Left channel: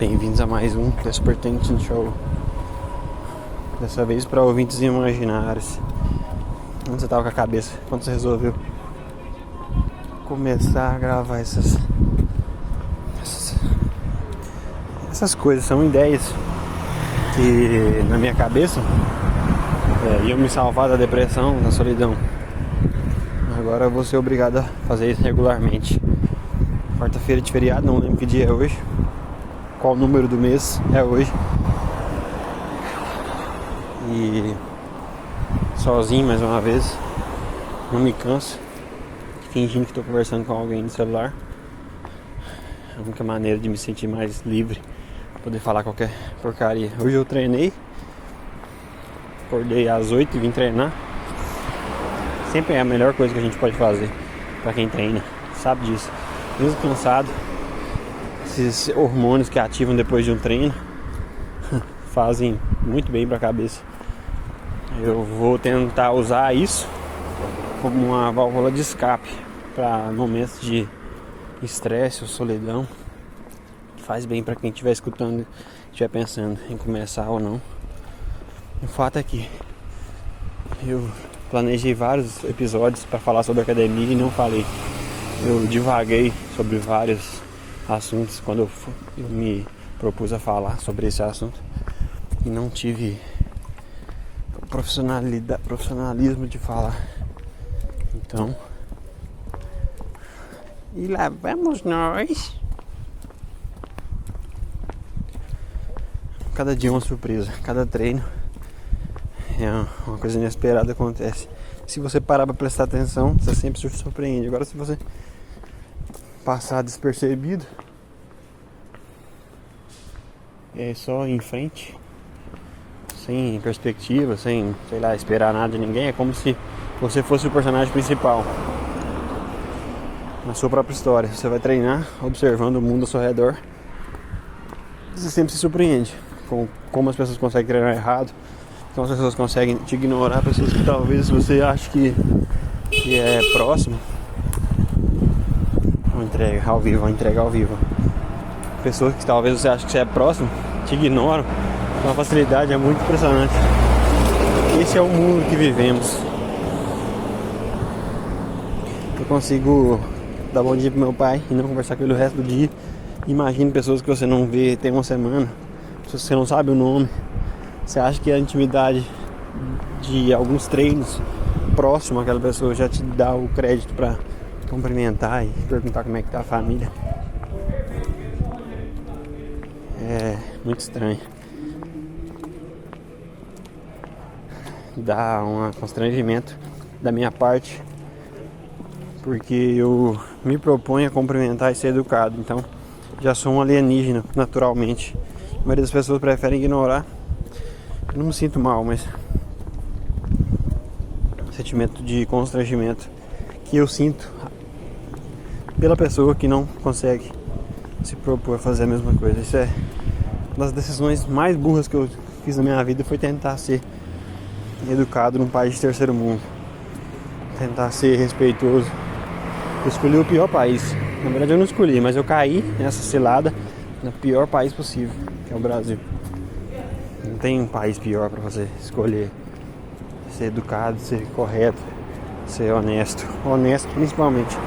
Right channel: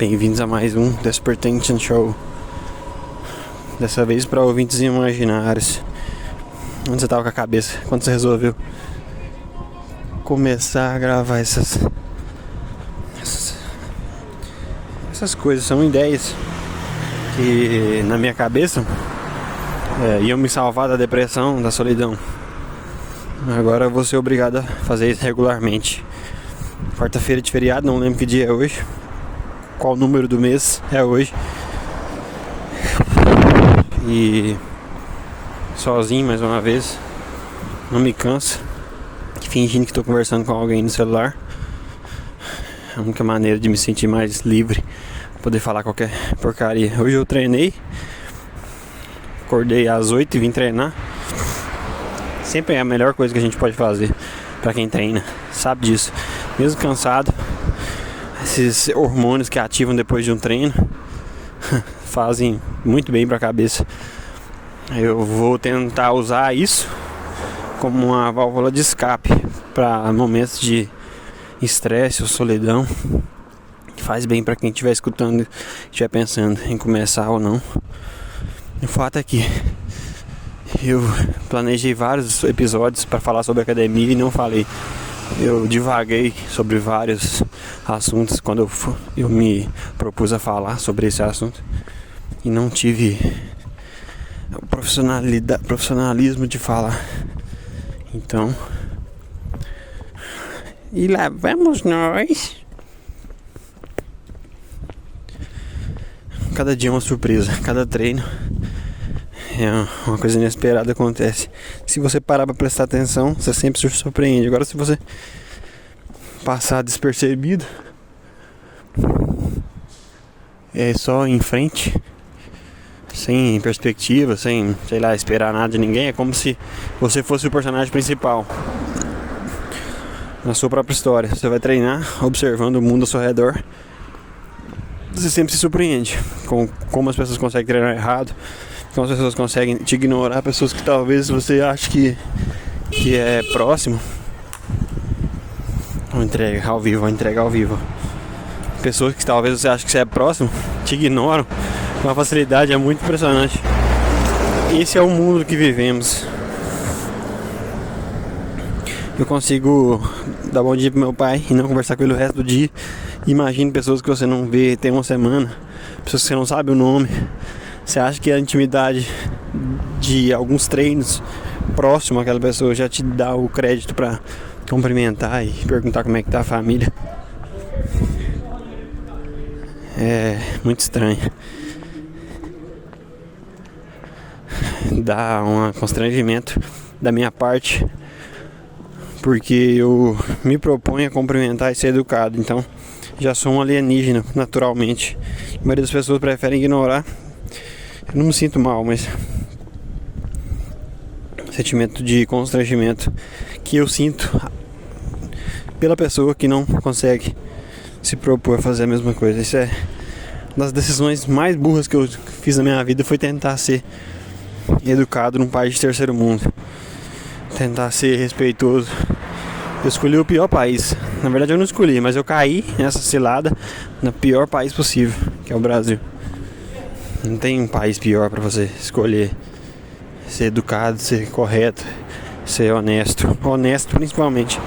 Bem-vindos a mais um Despertation Show. Dessa vez para ouvintes imaginários. Onde você tava com a cabeça? Quando você resolveu começar a gravar essas coisas? São ideias que na minha cabeça iam me salvar da depressão, da solidão. Agora eu vou ser obrigado a fazer isso regularmente. Quarta-feira de feriado, não lembro que dia é hoje, qual número do mês é hoje. E sozinho mais uma vez, não me canso, fingindo que estou conversando com alguém no celular. É a única maneira de me sentir mais livre, poder falar qualquer porcaria. Hoje eu treinei, acordei às 8 e vim treinar. Sempre é a melhor coisa que a gente pode fazer pra quem treina, sabe disso. Mesmo cansado, esses hormônios que ativam depois de um treino fazem muito bem pra cabeça. Eu vou tentar usar isso como uma válvula de escape para momentos de estresse ou solidão, que faz bem pra quem estiver escutando, estiver pensando em começar ou não. O fato é que eu planejei vários episódios para falar sobre academia e não falei. Eu divaguei sobre vários assuntos quando eu me propus a falar sobre esse assunto e não tive o profissionalismo de falar. Então, e lá vamos nós. Cada dia é uma surpresa, cada treino é uma coisa inesperada acontece. Se você parar pra prestar atenção, você sempre se surpreende. Agora, se você passar despercebido, é só em frente, sem perspectiva, sem, sei lá, esperar nada de ninguém. É como se você fosse o personagem principal na sua própria história. Você vai treinar, observando o mundo ao seu redor. Você sempre se surpreende com como as pessoas conseguem treinar errado, como as pessoas conseguem te ignorar, pessoas que talvez você ache que é próximo. Vou entregar ao vivo. Pessoas que talvez você ache que você é próximo, te ignoram com uma facilidade, é muito impressionante. Esse é o mundo que vivemos. Eu consigo dar bom dia pro meu pai e não conversar com ele o resto do dia. Imagine pessoas que você não vê tem uma semana, pessoas que você não sabe o nome. Você acha que a intimidade de alguns treinos próximo àquela pessoa já te dá o crédito para cumprimentar e perguntar como é que tá a família? É muito estranho. Dá um constrangimento da minha parte, porque eu me proponho a cumprimentar e ser educado. Então já sou um alienígena naturalmente. A maioria das pessoas preferem ignorar. Eu não me sinto mal, mas sentimento de constrangimento que eu sinto pela pessoa que não consegue se propor a fazer a mesma coisa. Isso é uma das decisões mais burras que eu fiz na minha vida, foi tentar ser educado num país de terceiro mundo, tentar ser respeitoso. Eu escolhi o pior país. Na verdade eu não escolhi, mas eu caí nessa cilada no pior país possível, que é o Brasil. Não tem um país pior pra você escolher. Ser educado, ser correto, ser honesto. Honesto principalmente.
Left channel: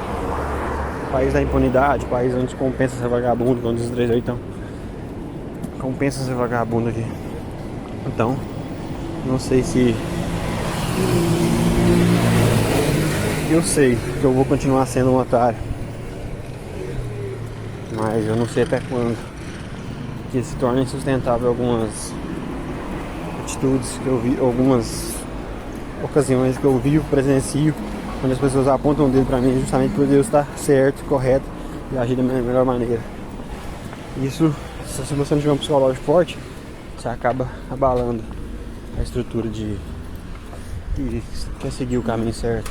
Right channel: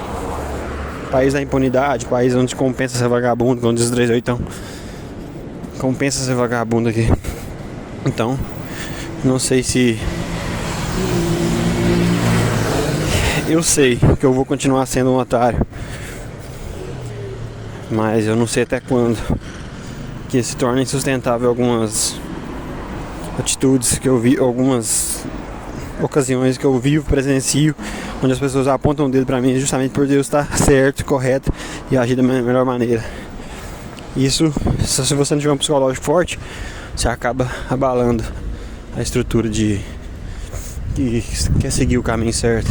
País da impunidade, país onde compensa ser vagabundo, como diz o 38. Compensa ser vagabundo aqui. Então, não sei se... Eu sei que eu vou continuar sendo um otário, mas eu não sei até quando que se torna insustentável algumas atitudes que eu vi, algumas ocasiões que eu vivo, presencio, onde as pessoas apontam o dedo pra mim justamente por Deus estar certo, correto e agir da melhor maneira. Isso, se você não tiver um psicológico forte, você acaba abalando a estrutura de que quer seguir o caminho certo.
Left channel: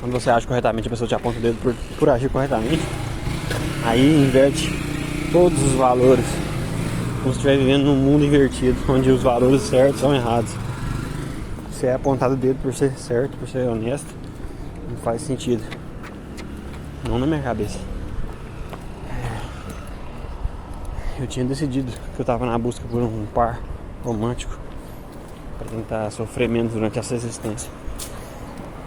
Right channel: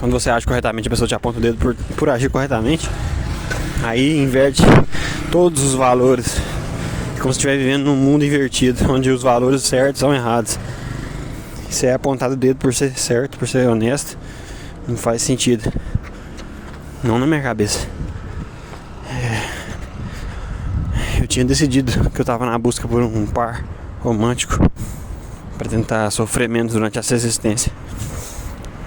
Quando você age corretamente, a pessoa te aponta o dedo por agir corretamente, aí inverte todos os valores. É como se estiver vivendo num mundo invertido, onde os valores certos são errados. Você é apontado o dedo por ser certo, por ser honesto, não faz sentido. Não na minha cabeça. eu tinha decidido que eu tava na busca por um par romântico para tentar sofrer menos durante essa existência.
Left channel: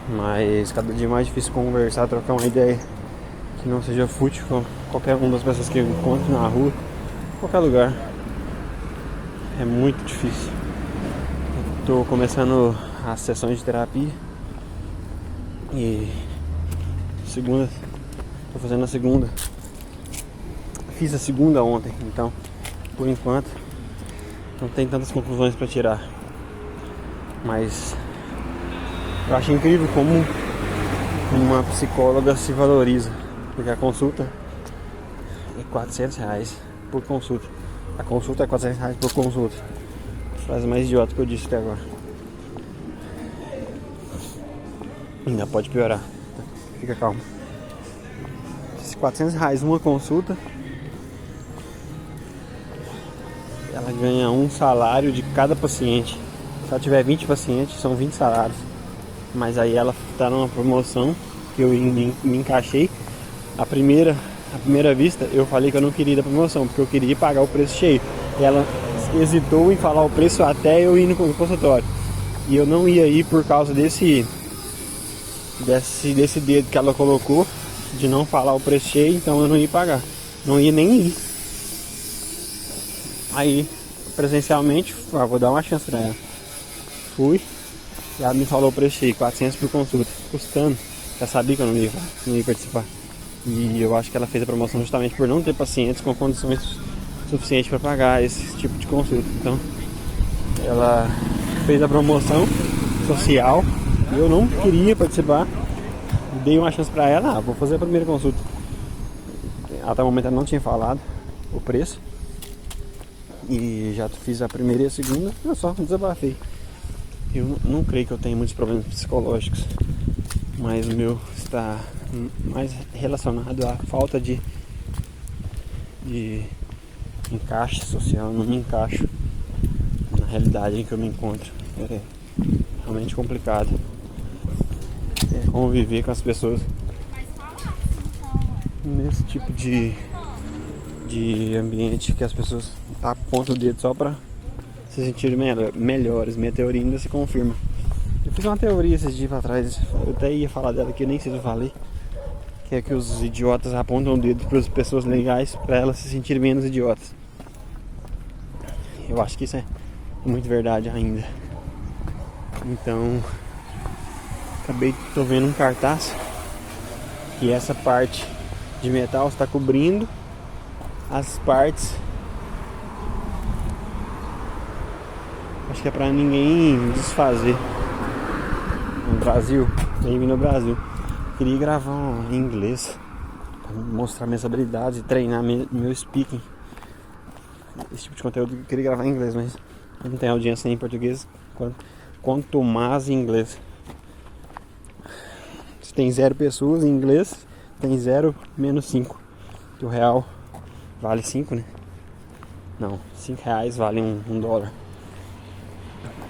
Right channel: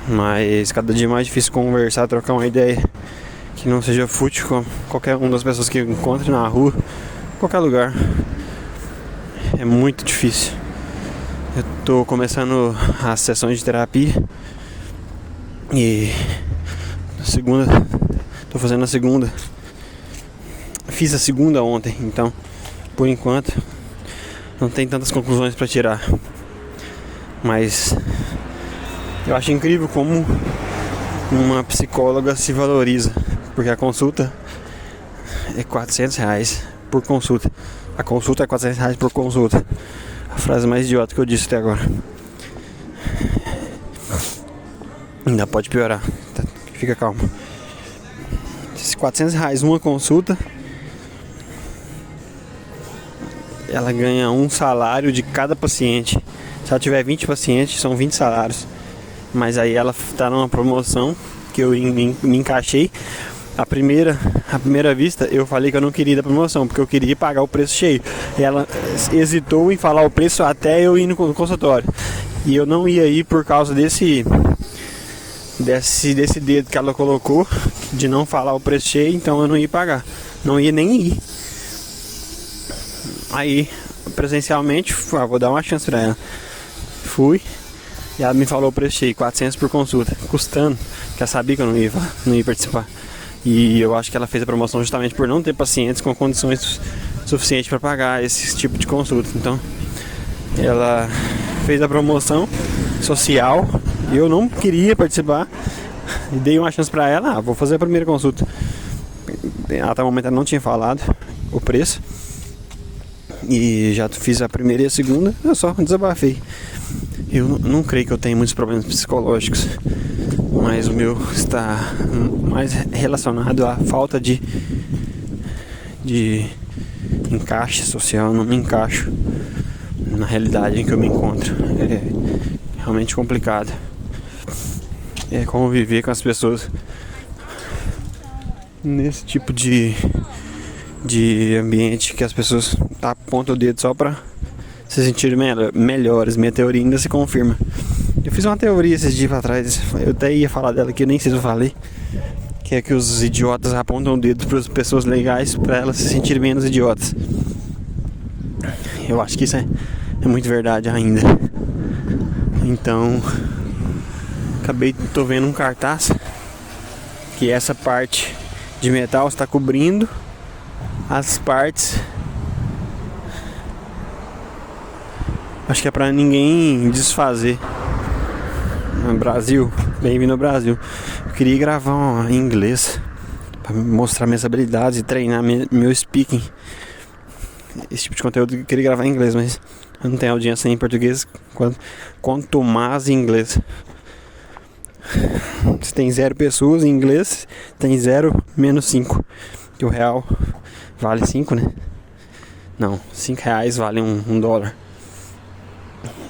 Mas cada dia é mais difícil conversar, trocar uma ideia que não seja fútil com qualquer uma das pessoas que eu encontro na rua, qualquer lugar. É muito difícil. Eu tô começando as sessões de terapia e tô fazendo a segunda. Fiz a segunda ontem, então por enquanto não tem tantas conclusões para tirar. Mas eu acho incrível como uma psicóloga se valoriza, porque a consulta é R$400 por consulta. A consulta é R$400 por consulta. A frase mais idiota que eu disse até agora. Ainda pode piorar. Fica calmo. Esses R$400 uma consulta, ela ganha um salário de cada paciente. Se ela tiver 20 pacientes, são 20 salários. Mas aí ela tá numa promoção que eu me encaixei. A primeira vista eu falei que eu não queria ir da promoção, porque eu queria pagar o preço cheio. E ela hesitou em falar o preço até eu ir no consultório. E eu não ia ir por causa desse dedo que ela colocou de não falar o preço cheio, então eu não ia pagar. Não ia nem ir. Aí, presencialmente, vou dar uma chance pra ela. Fui. E ela me falou o preço cheio, 400 por consulta, custando, porque ela sabia que eu não ia participar. E eu acho que ela fez a promoção justamente por não ter pacientes com condições suficientes para pagar esse tipo de consulta. Então, ela fez a promoção social e eu não queria participar. E dei uma chance para ela, vou fazer a primeira consulta. Até o momento ela não tinha falado o preço. E já fiz a primeira e a segunda, eu só desabafei. Eu não creio que eu tenha muitos problemas psicológicos, mas o meu está mais relacionado à falta de encaixe social. Não me encaixo na realidade em que eu me encontro. É realmente complicado. É como viver com as pessoas nesse tipo de ambiente que as pessoas apontam o dedo só pra se sentirem melhores. Minha teoria ainda se confirma. Eu fiz uma teoria esses dias atrás, eu até ia falar dela aqui, eu nem sei se eu falei, que é que os idiotas apontam o dedo para as pessoas legais para elas se sentirem menos idiotas. Eu acho que isso é muito verdade ainda. Então, tô vendo um cartaz que essa parte de metal está cobrindo as partes. Acho que é pra ninguém desfazer. No Brasil, bem-vindo ao Brasil. Eu queria gravar em inglês pra mostrar minhas habilidades e treinar meu speaking. Esse tipo de conteúdo eu queria gravar em inglês, mas eu não tenho audiência em português, quanto mais em inglês. Se tem 0 pessoas em inglês, tem 0 menos 5. Que o real vale 5, né? Não, R$5 vale um dólar.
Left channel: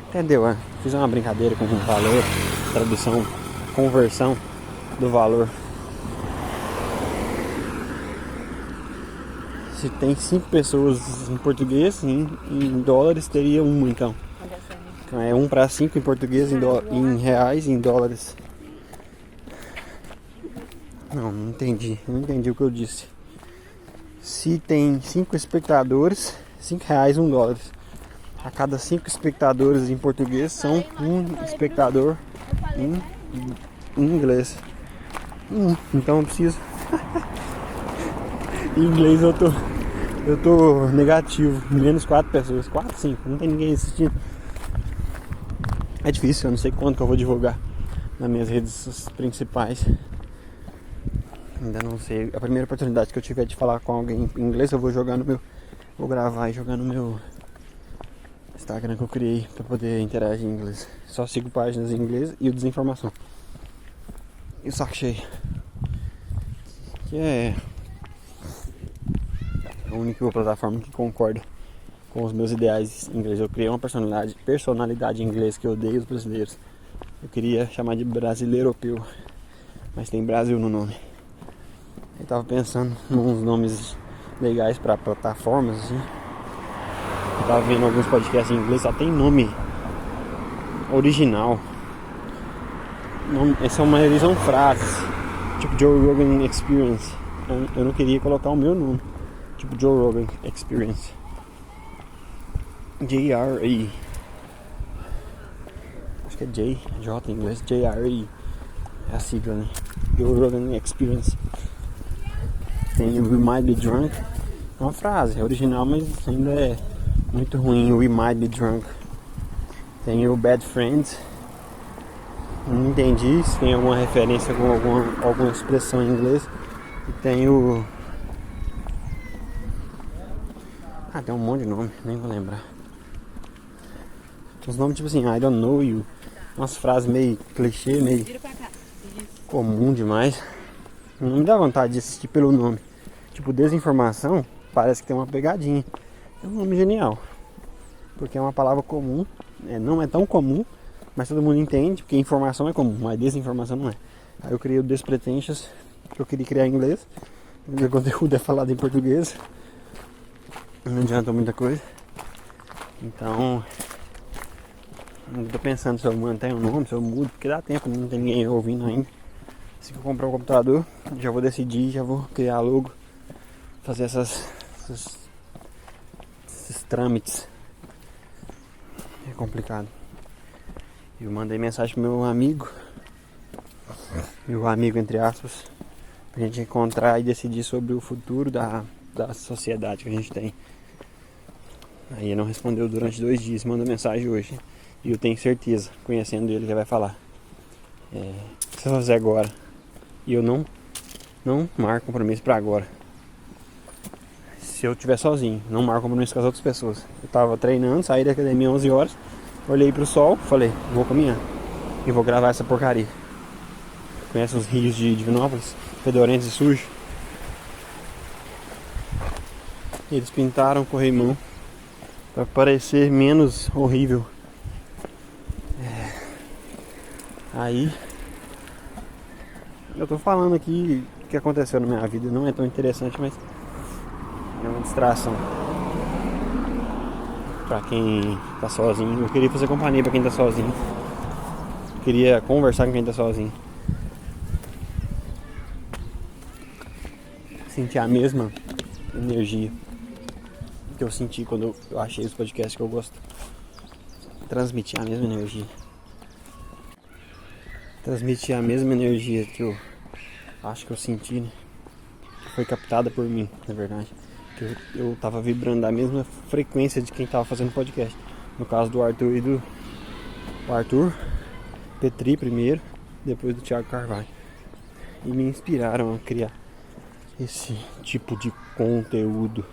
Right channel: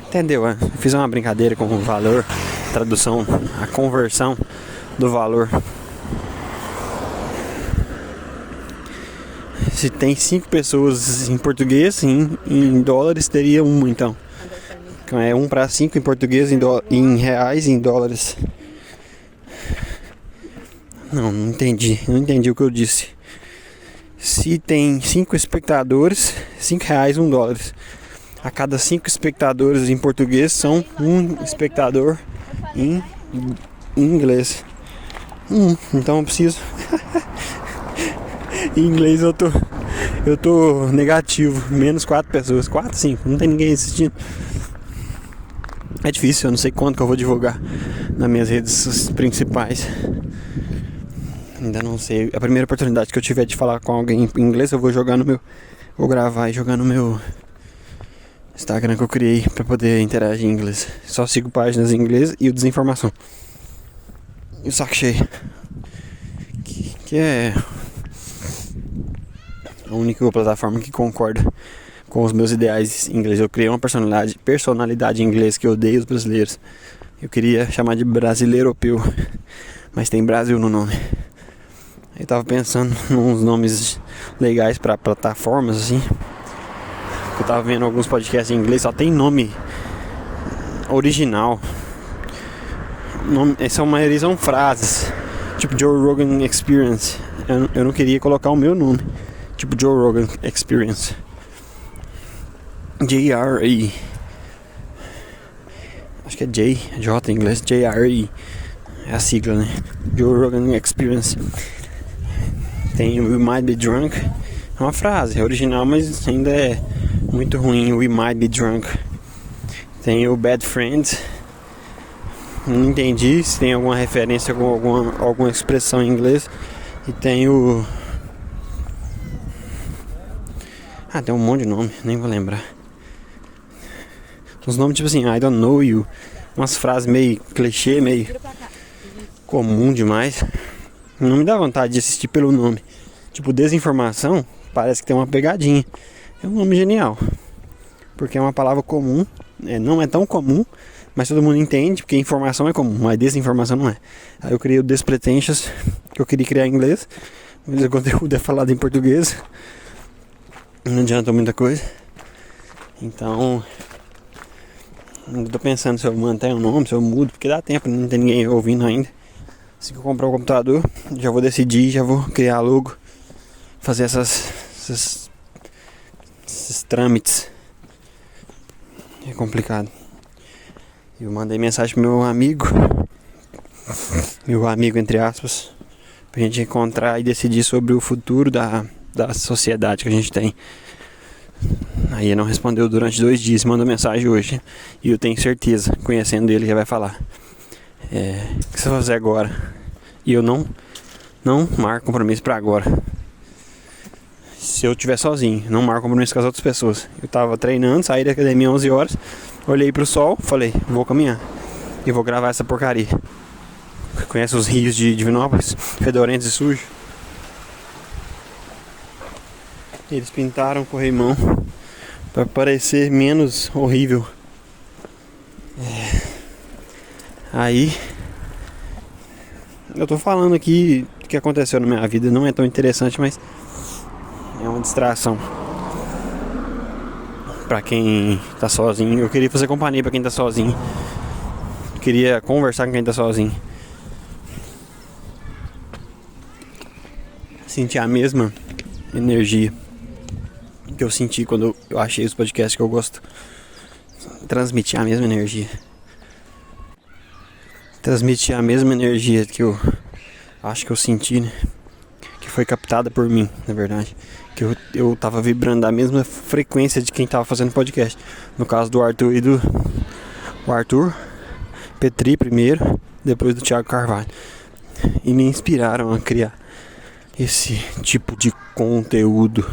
Entendeu, né? Fiz uma brincadeira com o valor, tradução, a conversão do valor. Se tem 5 pessoas em português, em dólares teria 1, então. É 1 para 5 em português, em reais e em dólares. Não entendi o que eu disse. Se tem 5 espectadores, R$5, 1 dólar. A cada 5 espectadores em português são 1 espectador em inglês. Então eu preciso. Em inglês eu tô negativo, menos 4 pessoas, 4, 5, não tem ninguém assistindo. É difícil, eu não sei quando que eu vou divulgar nas minhas redes principais. Ainda não sei. A primeira oportunidade que eu tiver de falar com alguém em inglês, eu vou gravar e jogar no meu Instagram que eu criei pra poder interagir em inglês. Só sigo páginas em inglês e o Desinformação. E o Saco Cheio, que é a única plataforma que concorda com os meus ideais em inglês. Eu criei uma personalidade em inglês que eu odeio os brasileiros. Eu queria chamar de brasileiropeu, mas tem Brasil no nome. Eu tava pensando nos nomes legais pra plataformas, assim. Eu tava vendo alguns podcasts em inglês, só tem nome original. Essa maioria são frases, tipo Joe Rogan Experience. Eu não queria colocar o meu nome, tipo Joe Rogan Experience. JRE. Acho que é J em inglês, JRE. É a sigla, né? Joe Rogan Experience. Tem We Might Be Drunk. É uma frase, é original, mas ainda é muito ruim. We Might Be Drunk. Tem o Bad Friends. Não entendi se tem alguma referência com alguma expressão em inglês. E tem o... tem um monte de nome, nem vou lembrar. Uns nomes tipo assim, I don't know you. Umas frases meio clichê, meio comum demais. Não me dá vontade de assistir pelo nome. Tipo, desinformação, parece que tem uma pegadinha. É um nome genial. Porque é uma palavra comum. Não é tão comum, mas todo mundo entende, porque informação é comum, mas desinformação não é. Aí eu criei o Despretentious, que eu queria criar em inglês. Mas o conteúdo é falado em português. Não adianta muita coisa. Então... eu tô pensando se eu mantenho o nome, se eu mudo, porque dá tempo, não tem ninguém ouvindo ainda. Assim que eu comprar o computador, já vou decidir, já vou criar logo, fazer esses trâmites. É complicado. Eu mandei mensagem pro meu amigo entre aspas, pra gente encontrar e decidir sobre o futuro da sociedade que a gente tem. Aí ele não respondeu durante 2 dias, mandou mensagem hoje. E eu tenho certeza, conhecendo ele, já vai falar. O que você vai fazer agora? E eu não marco compromisso pra agora. Se eu estiver sozinho, não marco compromisso com as outras pessoas. Eu tava treinando, saí da academia 11 horas, olhei pro sol, falei, vou caminhar. E vou gravar essa porcaria. Conhece os rios de Divinópolis? Fedorentos e sujos? Eles pintaram corrimão para parecer menos horrível. Aí eu tô falando aqui o que aconteceu na minha vida. Não é tão interessante, mas é uma distração pra quem tá sozinho. Eu queria fazer companhia pra quem tá sozinho. Queria conversar com quem tá sozinho. Sentir a mesma energia que eu senti quando eu achei os podcasts que eu gosto. Transmitir a mesma energia. Transmitir a mesma energia que eu acho que eu senti, né? Que foi captada por mim, na verdade. Que eu tava vibrando a mesma frequência de quem tava fazendo podcast. No caso do Arthur e do... o Arthur Petri primeiro, depois do Thiago Carvalho. E me inspiraram a criar esse tipo de conteúdo.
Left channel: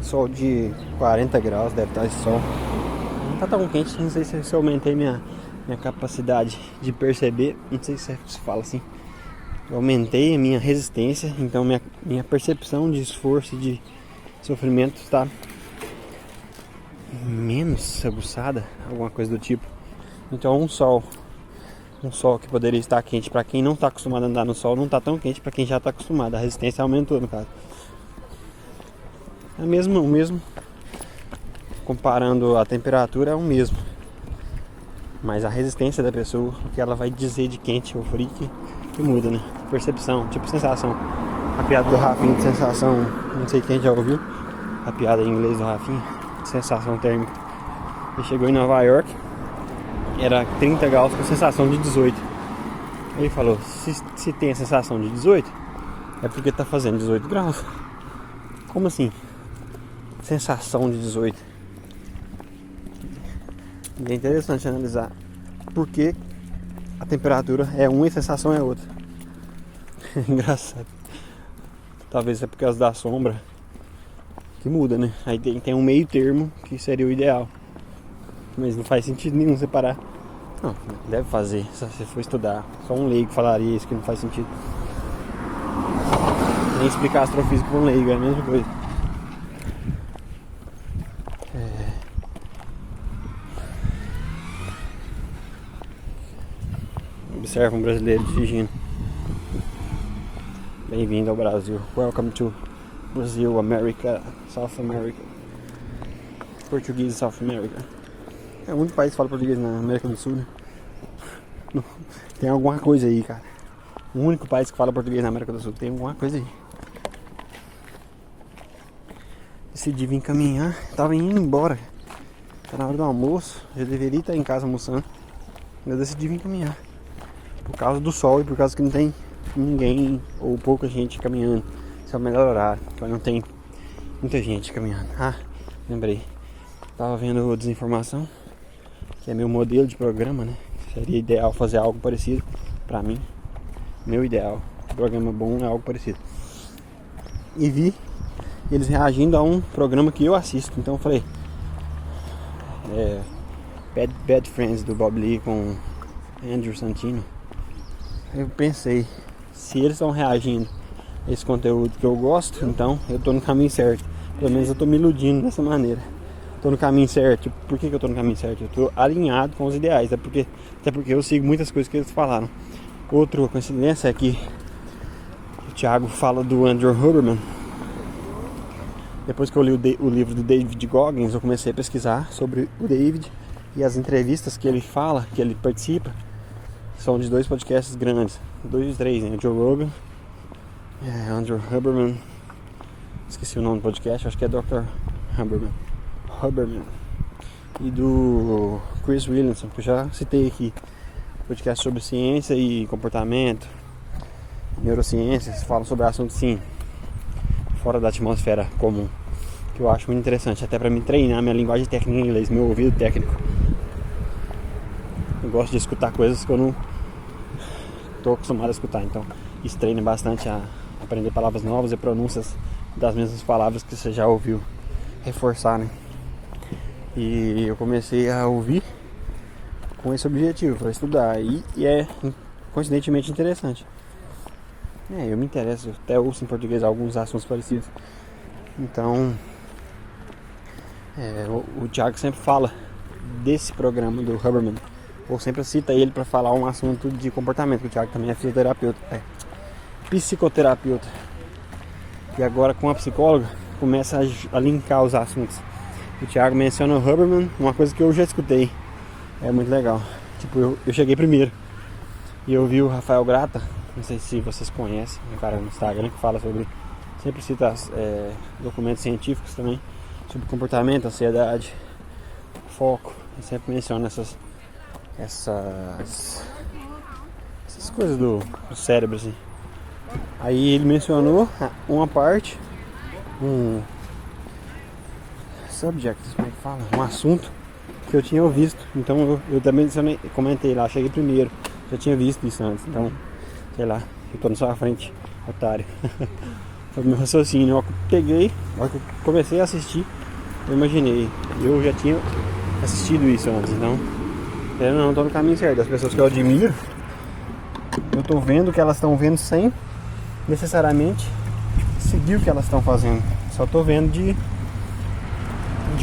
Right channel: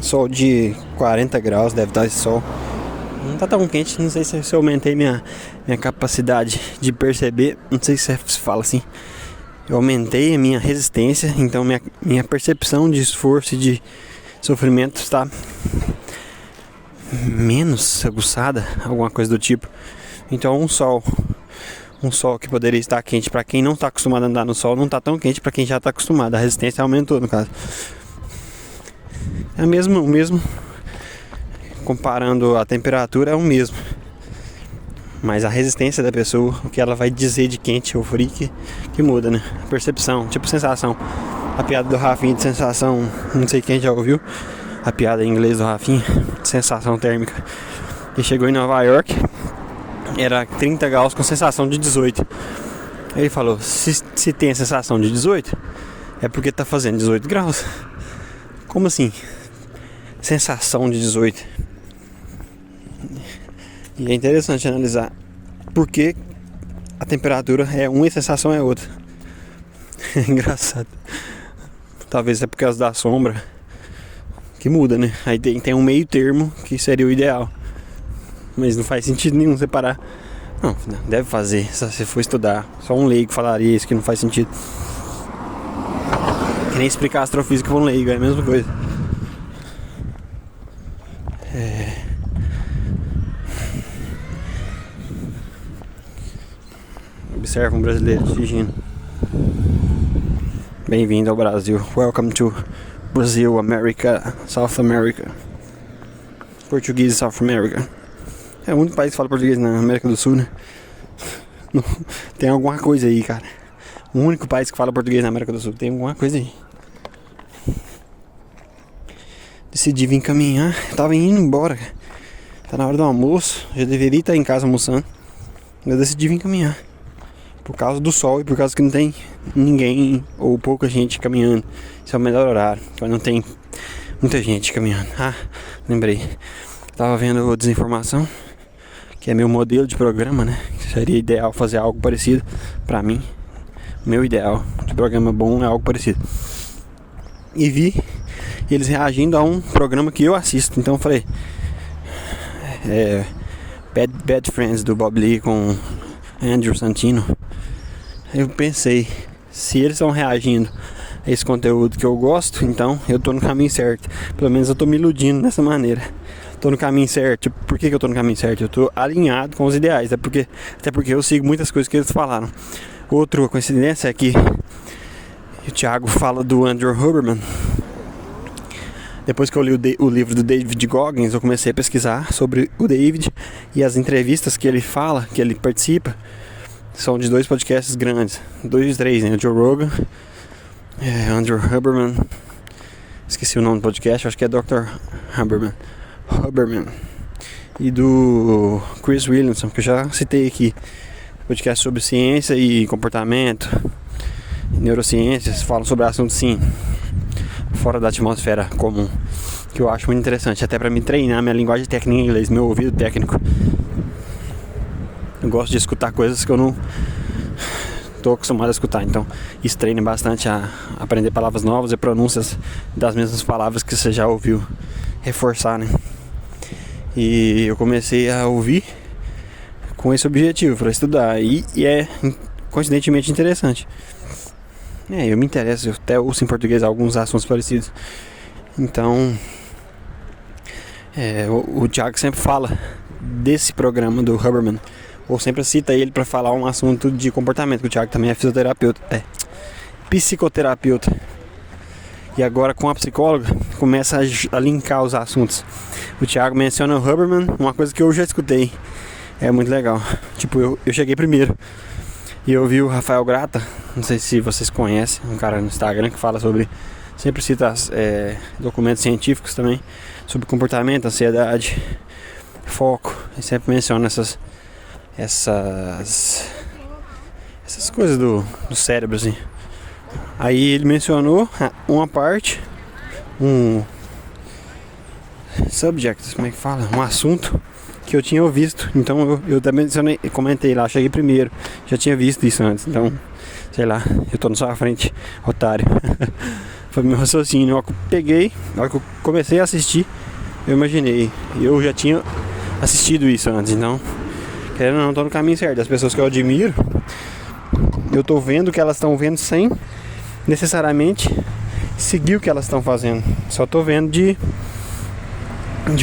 Sol de 40 graus, deve estar esse sol. Não tá tão quente, não sei se eu aumentei minha capacidade de perceber. Não sei se se fala assim. Eu aumentei a minha resistência, então minha percepção de esforço e de sofrimento está menos aguçada, alguma coisa do tipo. Então um sol que poderia estar quente para quem não está acostumado a andar no sol, não está tão quente para quem já está acostumado. A resistência aumentou, no caso. É o mesmo, comparando a temperatura, é o mesmo. Mas a resistência da pessoa, o que ela vai dizer de quente ou frio, que muda, né? A percepção, tipo sensação. A piada do Rafinha de sensação, não sei quem já ouviu. A piada em inglês do Rafinha, de sensação térmica. Ele chegou em Nova York, era 30 graus com sensação de 18. Ele falou, se tem a sensação de 18, é porque tá fazendo 18 graus. Como assim? Sensação de 18. E é interessante analisar por que a temperatura é uma e a sensação é outra. É engraçado. Talvez é por causa da sombra que muda, né? Aí tem um meio termo que seria o ideal. Mas não faz sentido nenhum separar. Não, deve fazer. Se você for estudar, só um leigo falaria isso, que não faz sentido. Que nem explicar astrofísica para um leigo, é a mesma coisa. Observa um brasileiro dirigindo. Bem-vindo ao Brasil. Welcome to Brazil, America, South America. Português South America. É o único país que fala português na América do Sul, né? Tem alguma coisa aí, cara. O único país que fala português na América do Sul. Tem alguma coisa aí. Decidi vir caminhar. Tava indo embora. Tá na hora do almoço. Já deveria estar em casa almoçando. Eu decidi vir caminhar. Por causa do sol e por causa que não tem ninguém ou pouca gente caminhando. Esse é o melhor horário. Quando não tem muita gente caminhando. Ah, lembrei. Tava vendo Desinformação, que é meu modelo de programa, né? Seria ideal fazer algo parecido pra mim. Meu ideal de programa bom é algo parecido. E vi eles reagindo a um programa que eu assisto. Então eu falei, Bad Friends do Bob Lee com Andrew Santino. Eu pensei, se eles estão reagindo a esse conteúdo que eu gosto, então eu tô no caminho certo. Pelo menos eu tô me iludindo dessa maneira. Tô no caminho certo. Por que eu tô no caminho certo? Eu tô alinhado com os ideais. Até porque eu sigo muitas coisas que eles falaram. Outra coincidência é que o Thiago fala do Andrew Huberman. Depois que eu li o livro do David Goggins, eu comecei a pesquisar sobre o David. E as entrevistas que ele fala, que ele participa, são de 2 podcasts grandes. 3, né? O Joe Rogan, Andrew Huberman. Esqueci o nome do podcast, acho que é Dr. Huberman. E do Chris Williamson, que eu já citei aqui. Podcast sobre ciência e comportamento, neurociências, falam sobre assuntos sim fora da atmosfera comum, que eu acho muito interessante, até pra me treinar minha linguagem técnica em inglês, meu ouvido técnico. Eu gosto de escutar coisas que eu não tô acostumado a escutar, então isso treina bastante a aprender palavras novas e pronúncias das mesmas palavras que você já ouviu, reforçar, né? E eu comecei a ouvir com esse objetivo, para estudar, e é coincidentemente interessante. Eu me interesso, eu até ouço em português alguns assuntos parecidos. Então, o Thiago sempre fala desse programa do Huberman, ou sempre cita ele para falar um assunto de comportamento, que o Thiago também é psicoterapeuta. E agora com a psicóloga começa a linkar os assuntos. O Thiago menciona o Huberman, uma coisa que eu já escutei. É muito legal. Tipo, eu cheguei primeiro e eu vi o Rafael Grata, não sei se vocês conhecem, um cara no Instagram que fala sobre, sempre cita documentos científicos também, sobre comportamento, ansiedade, foco, e sempre menciona essas coisas do cérebro, assim. Aí ele mencionou uma parte, um subject, como é que fala? Um assunto que eu tinha visto, então eu também comentei lá, cheguei primeiro, já tinha visto isso antes, então, sei lá, eu tô na sua frente, otário. Foi meu raciocínio, eu peguei, na hora que eu comecei a assistir, eu imaginei, eu já tinha assistido isso antes, então, querendo ou não, tô no caminho certo. As pessoas que eu admiro, eu tô vendo o que elas estão vendo sem necessariamente seguir o que elas estão fazendo, só tô vendo de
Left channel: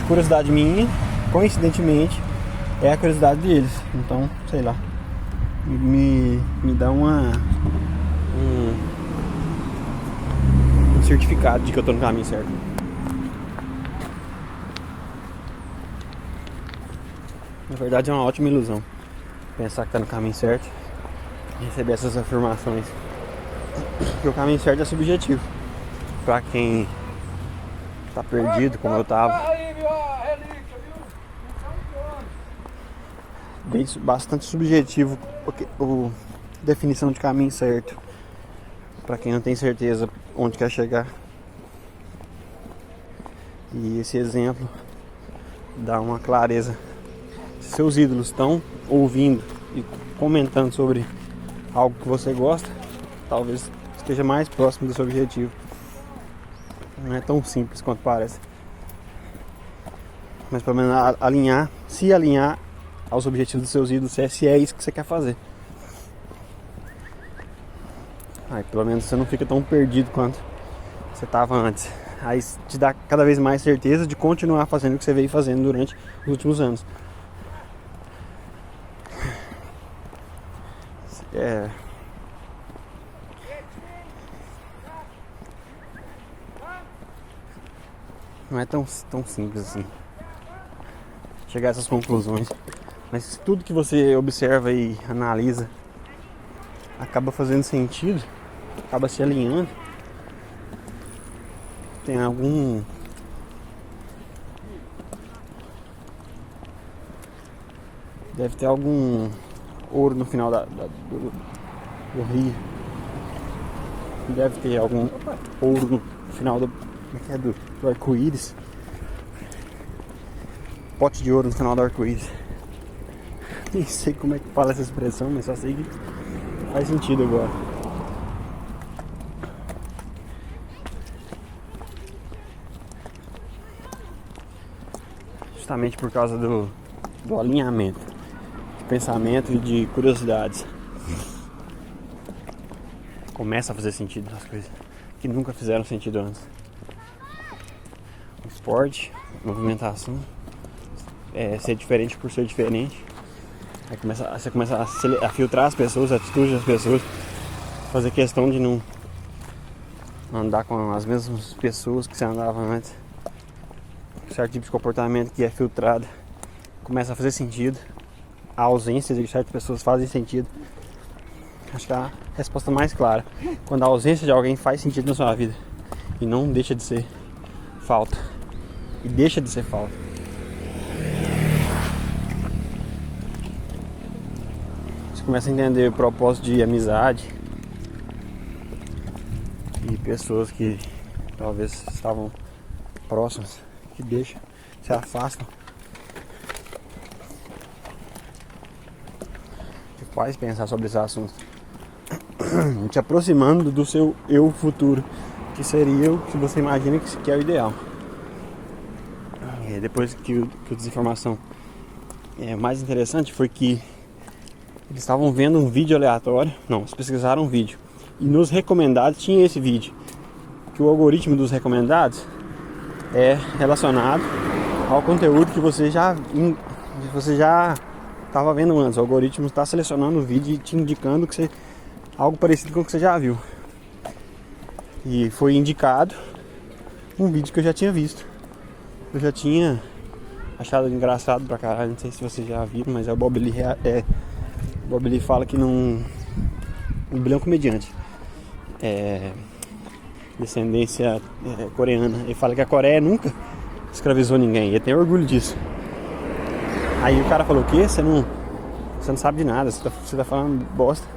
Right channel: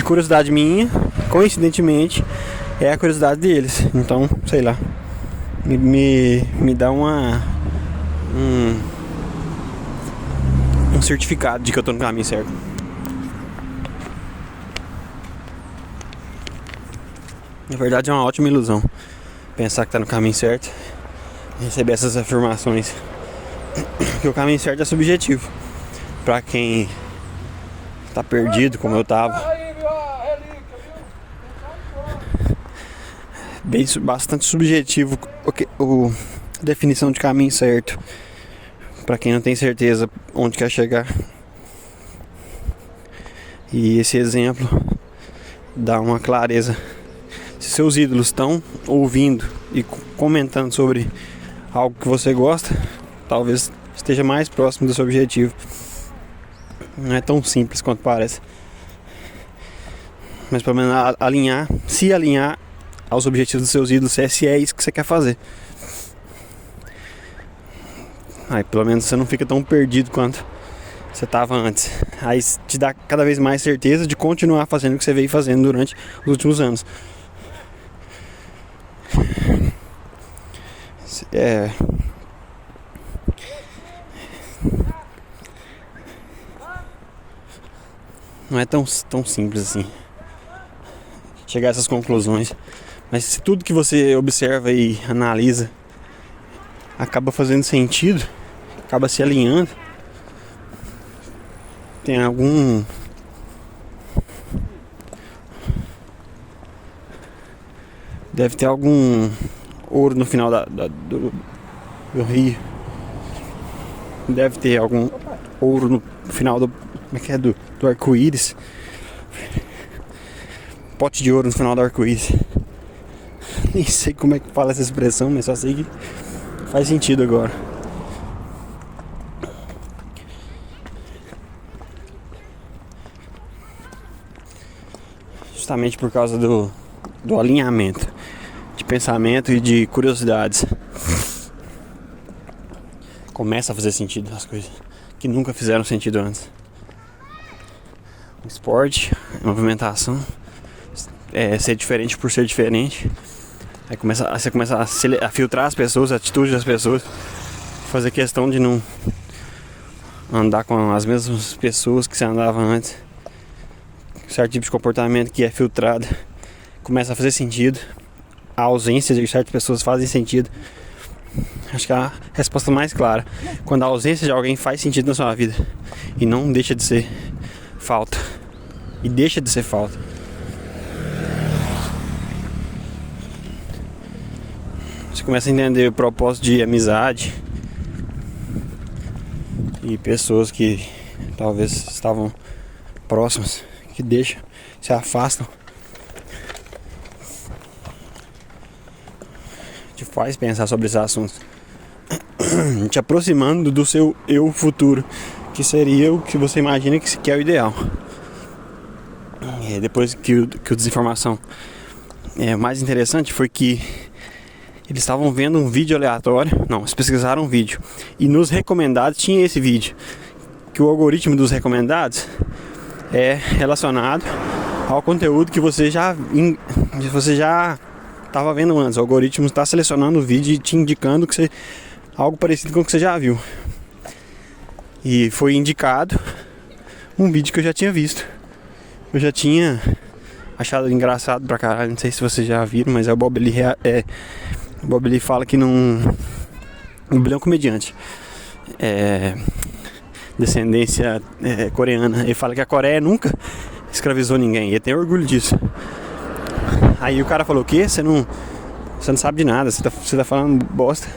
curiosidade minha, coincidentemente é a curiosidade deles, então, sei lá, me dá um certificado de que eu tô no caminho certo. Na verdade é uma ótima ilusão pensar que tá no caminho certo e receber essas afirmações, que o caminho certo é subjetivo pra quem tá perdido como eu tava. Bastante subjetivo a definição de caminho certo para quem não tem certeza onde quer chegar. E esse exemplo dá uma clareza. Se seus ídolos estão ouvindo e comentando sobre algo que você gosta, talvez esteja mais próximo do seu objetivo. Não é tão simples quanto parece, mas pelo menos se alinhar aos objetivos dos seus ídolos, se é isso que você quer fazer. Aí pelo menos você não fica tão perdido quanto você estava antes. Aí te dá cada vez mais certeza de continuar fazendo o que você veio fazendo durante os últimos anos. não é tão simples assim chegar a essas conclusões. Mas se tudo que você observa e analisa acaba fazendo sentido, acaba se alinhando, tem algum deve ter algum ouro no final do rio. Deve ter algum ouro no final do arco-íris. Pote de ouro no final do arco-íris. Nem sei como é que fala essa expressão, mas só sei que faz sentido agora. Justamente por causa do alinhamento de pensamento e de curiosidades. Começa a fazer sentido as coisas que nunca fizeram sentido antes. O esporte, a movimentação, ser diferente por ser diferente. Aí você começa a filtrar as pessoas, a atitude das pessoas, fazer questão de não andar com as mesmas pessoas que você andava antes. Certo tipo de comportamento que é filtrado começa a fazer sentido. A ausência de certas pessoas fazem sentido. Acho que é a resposta mais clara. Quando a ausência de alguém faz sentido na sua vida e não deixa de ser falta. E deixa de ser falta. Você começa a entender o propósito de amizade e pessoas que talvez estavam próximas, que deixam, se afastam. Te faz pensar sobre esses assuntos. Te aproximando do seu eu futuro, que seria o que você imagina que é o ideal. E depois que o desinformação, o mais interessante foi que eles estavam vendo um vídeo aleatório. Não, eles pesquisaram um vídeo e nos recomendados tinha esse vídeo. Que o algoritmo dos recomendados é relacionado ao conteúdo que você já estava vendo antes. O algoritmo está selecionando o vídeo e te indicando que algo parecido com o que você já viu. E foi indicado um vídeo que eu já tinha visto. Eu já tinha achado engraçado pra caralho. Não sei se vocês já viram, mas o Bob Lee fala que não... O Bob Lee é um comediante. Descendência coreana. Ele fala que a Coreia nunca escravizou ninguém. Ele tem orgulho disso. Aí o cara falou: o quê? Você não sabe de nada, você tá falando bosta.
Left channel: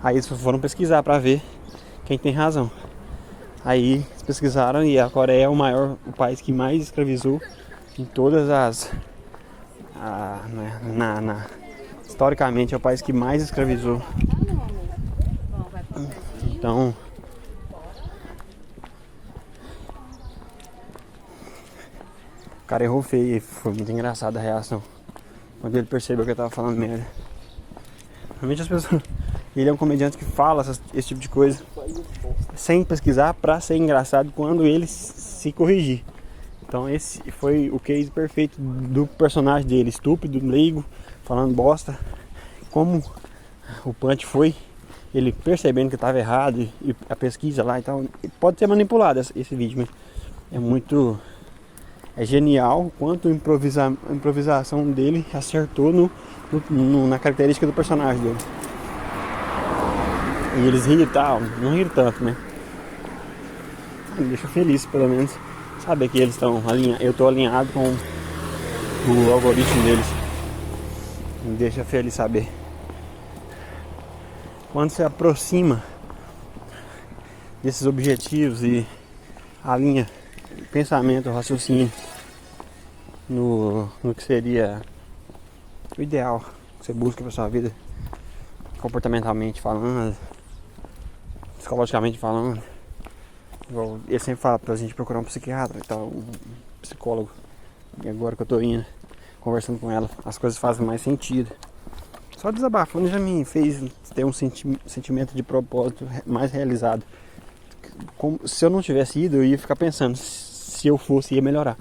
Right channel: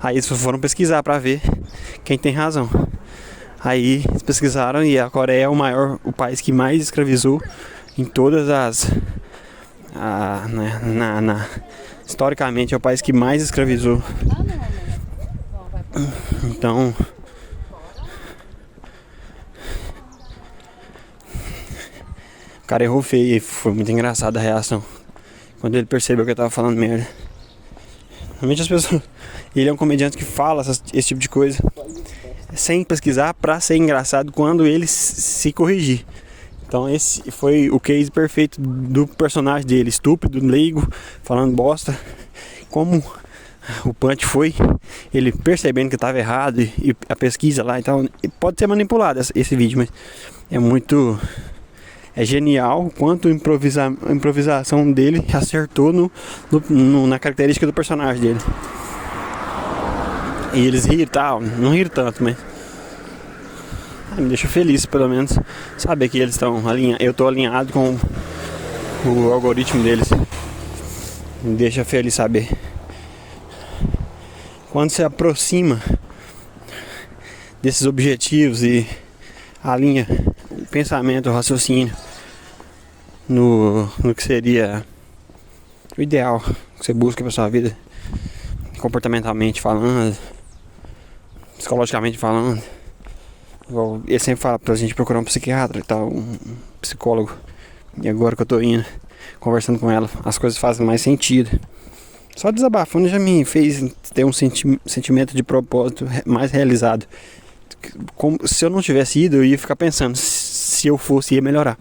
Aí eles foram pesquisar pra ver quem tem razão. Aí eles pesquisaram e a Coreia é o país que mais escravizou em todas as... historicamente é o país que mais escravizou. Então... o cara errou feio e foi muito engraçada a reação quando ele percebeu que eu tava falando merda. Realmente as pessoas... Ele é um comediante que fala esse tipo de coisa sem pesquisar pra ser engraçado quando ele se corrigir. Então esse foi o case perfeito do personagem dele, estúpido, leigo, falando bosta. Como o punch foi ele percebendo que estava errado e a pesquisa lá e tal. E pode ser manipulado esse vídeo, mas é muito... É genial quanto a improvisação dele acertou na característica do personagem dele. E eles riram e tal, não riram tanto, mas me deixa feliz, pelo menos, saber que eles estão alinhados. Eu estou alinhado com o algoritmo deles. Me deixa feliz saber. Quando se aproxima desses objetivos e alinha o pensamento, o raciocínio no que seria o ideal que você busca para sua vida, comportamentalmente falando, psicologicamente falando. Igual ele sempre fala pra gente procurar um psiquiatra e tal, um psicólogo. E agora que eu tô indo, conversando com ela, as coisas fazem mais sentido. Só desabafando já me fez ter um sentimento de propósito mais realizado. Se eu não tivesse ido, eu ia ficar pensando, se eu fosse, ia melhorar.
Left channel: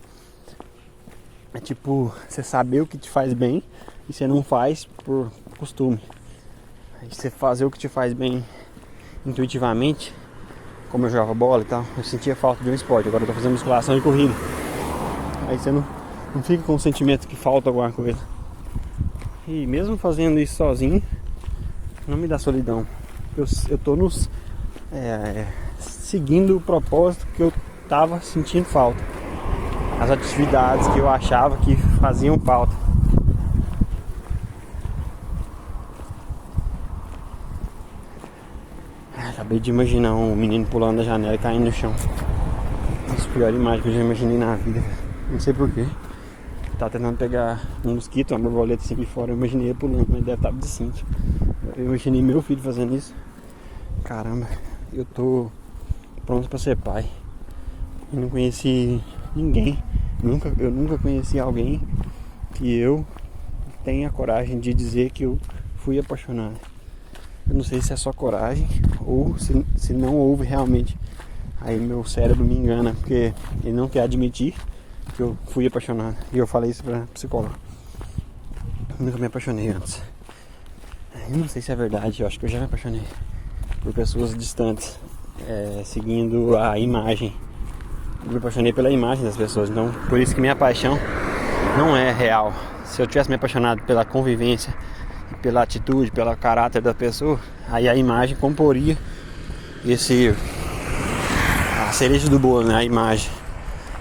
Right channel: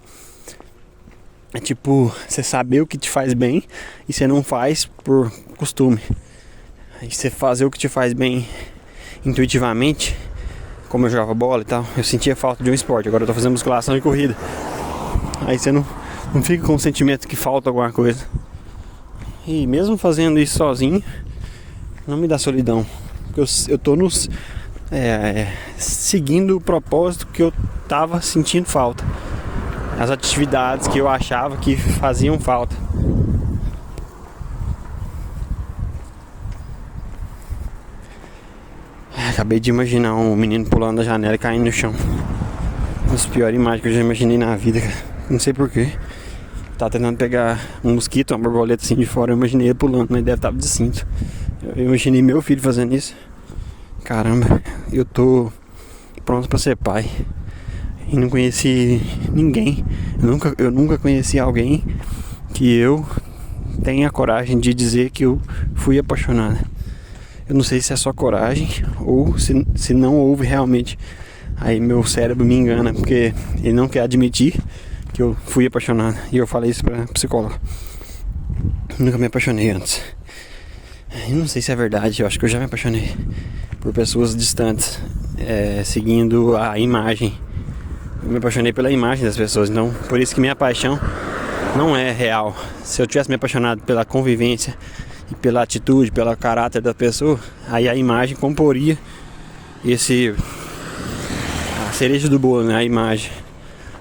É tipo, você saber o que te faz bem e você não faz por costume. Aí você fazer o que te faz bem intuitivamente, como eu jogava bola e tal, eu sentia falta de um esporte. Agora eu tô fazendo musculação e corrida. Aí você não fica com o sentimento que falta alguma coisa. E mesmo fazendo isso sozinho, não me dá solidão. Eu tô seguindo o propósito que eu tava sentindo falta. As atividades que eu achava que faziam falta. Acabei de imaginar um menino pulando da janela e caindo no chão. Uma das piores imagens que eu já imaginei na vida, cara. Não sei porquê. Tá tentando pegar um mosquito, uma borboleta assim de fora. Eu imaginei ele pulando, mas deve estar de cinto. Eu imaginei meu filho fazendo isso. Caramba, eu tô pronto pra ser pai. E não conheci ninguém. Eu nunca conheci alguém que eu tenha coragem de dizer que eu fui apaixonado. Eu não sei se é só coragem ou se não houve realmente. Aí meu cérebro me engana, porque ele não quer admitir que eu fui apaixonado. E eu falei isso pra psicóloga. Nunca me apaixonei antes. Eu não sei se é verdade, eu acho que eu já me apaixonei por pessoas distantes, seguindo a imagem. Eu me apaixonei pela imagem das pessoas, então por isso que minha paixão não é real. Se eu tivesse me apaixonado pela convivência e pela atitude, pelo caráter da pessoa, aí a imagem comporia a cereja do bolo, né? A imagem.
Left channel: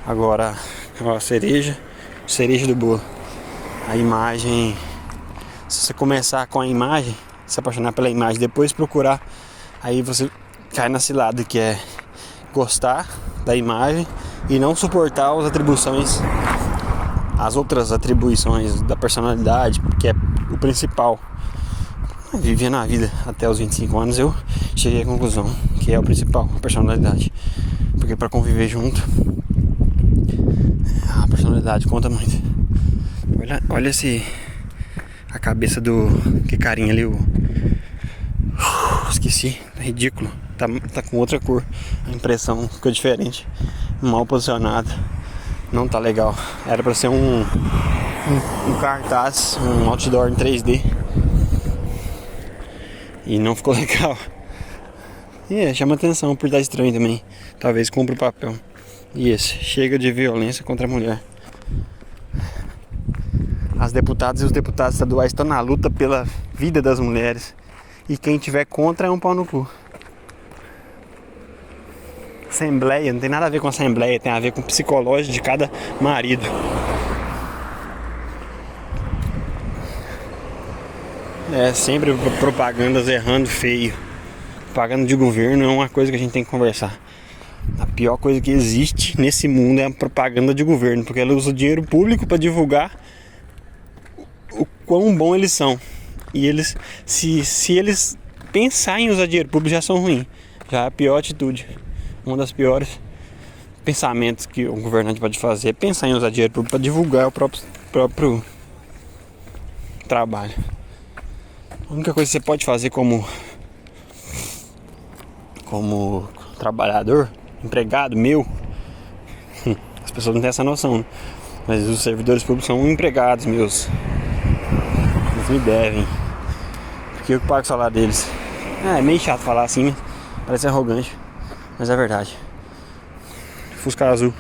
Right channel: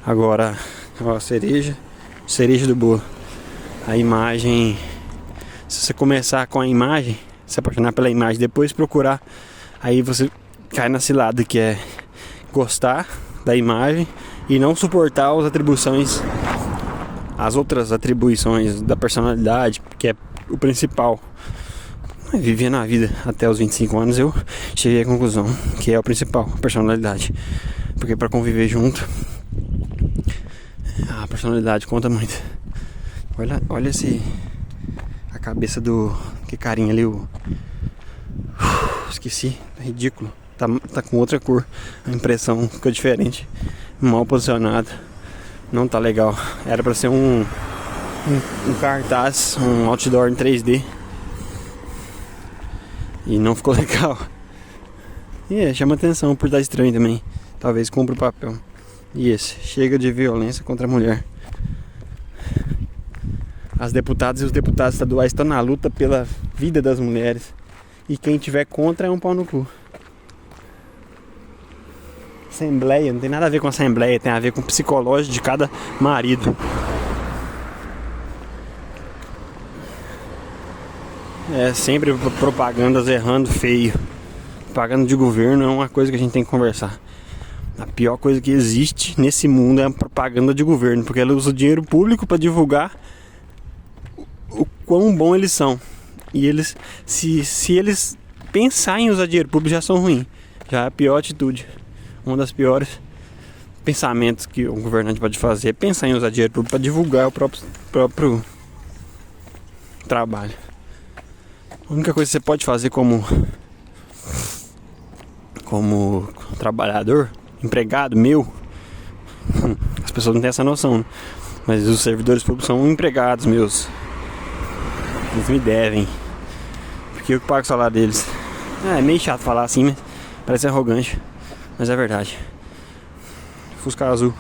Agora, ó, a cereja do bolo. A imagem, se você começar com a imagem, se apaixonar pela imagem, depois procurar, aí você cai na cilada que é gostar da imagem e não suportar as outras atribuições da personalidade, que é o principal. Vivendo a vida até os 25 anos, eu cheguei à conclusão que é o principal, a personalidade. Porque para conviver junto, a personalidade conta muito. Olha a cabeça que carinha ali, esqueci, é ridículo. Tá com outra cor, a impressão ficou diferente, mal posicionado, não tá legal. Era pra ser um cartaz, um outdoor em 3D e não ficou legal. E chama atenção por estar estranho também. Talvez cumpra o papel. E esse, chega de violência contra a mulher. As deputadas e os deputados estaduais estão na luta pela vida das mulheres, e quem tiver contra é um pau no cu. Assembleia, não tem nada a ver com assembleia, tem a ver com o psicológico de cada marido. Sempre propagandas errando feio. Propaganda de governo é uma coisa que a gente tem que conversar. A pior coisa que existe nesse mundo é a propaganda de governo, porque ela usa o dinheiro público para divulgar o quão bom eles são. E eles, se eles pensarem em usar dinheiro público, já são ruins. Já é a pior atitude. Um dos piores pensamentos que o governante pode fazer é pensar em usar dinheiro público para divulgar o próprio trabalho. A única coisa que você pode fazer como trabalhador, empregado meu, as pessoas não têm essa noção, né? Mas os servidores públicos são empregados meus. Eles me devem, porque eu que pago o salário deles. É meio chato falar assim, né? Parece arrogante, mas é verdade. Fusca azul.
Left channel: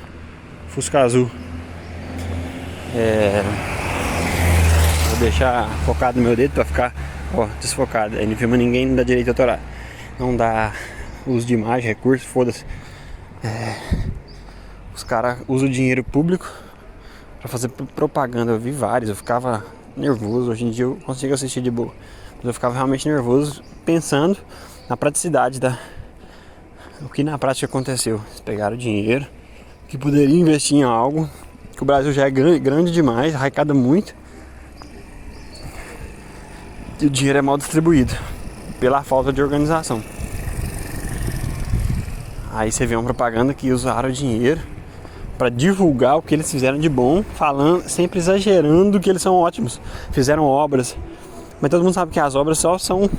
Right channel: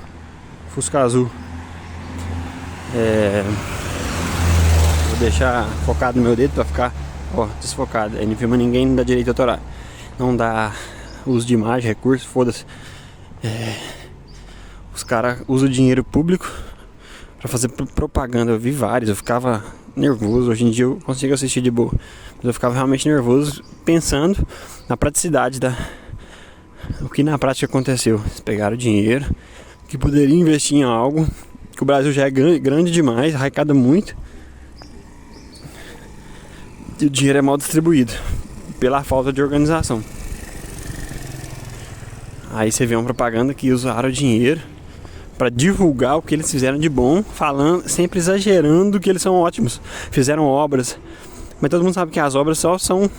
Vou deixar focado no meu dedo pra ficar desfocado. Aí não filma ninguém, não dá direito autoral. Não dá uso de imagem, recurso, foda-se. Os caras usam o dinheiro público pra fazer propaganda. Eu vi vários, eu ficava nervoso. Hoje em dia eu consigo assistir de boa, mas eu ficava realmente nervoso pensando na praticidade o que na prática aconteceu. Eles pegaram dinheiro que poderia investir em algo que o Brasil já é grande demais, arrecada muito, e o dinheiro é mal distribuído pela falta de organização. Aí você vê uma propaganda que usaram o dinheiro para divulgar o que eles fizeram de bom, falando, sempre exagerando que eles são ótimos, fizeram obras, mas todo mundo sabe que as obras só são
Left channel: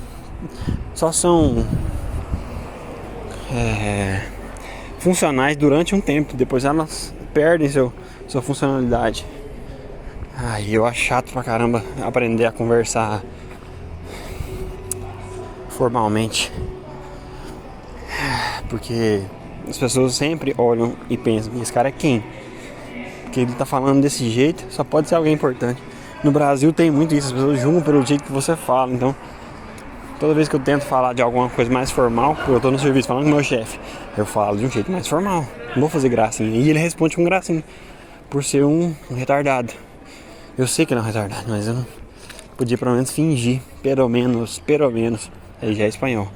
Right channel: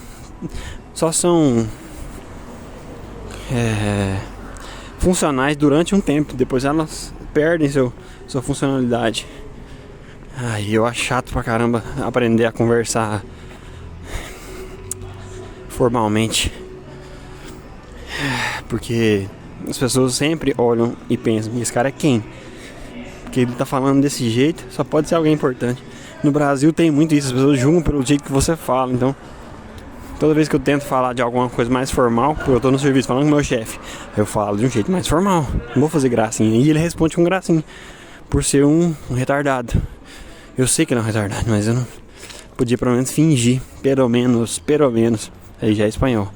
funcionais durante um tempo, depois elas perdem sua funcionalidade. Eu acho chato pra caramba aprender a conversar formalmente. Porque as pessoas sempre olham e pensam, esse cara é quem? Porque ele tá falando desse jeito, só pode ser alguém importante. No Brasil tem muito isso, as pessoas julgam pelo jeito que você fala. Então, toda vez que eu tento falar de alguma coisa mais formal, eu tô no serviço falando com o meu chefe, eu falo de um jeito mais formal, não vou fazer gracinha. E ele responde com gracinha, por ser um retardado. Eu sei que não é retardado, mas eu não podia pelo menos fingir, pelo menos, aí já é espanhol,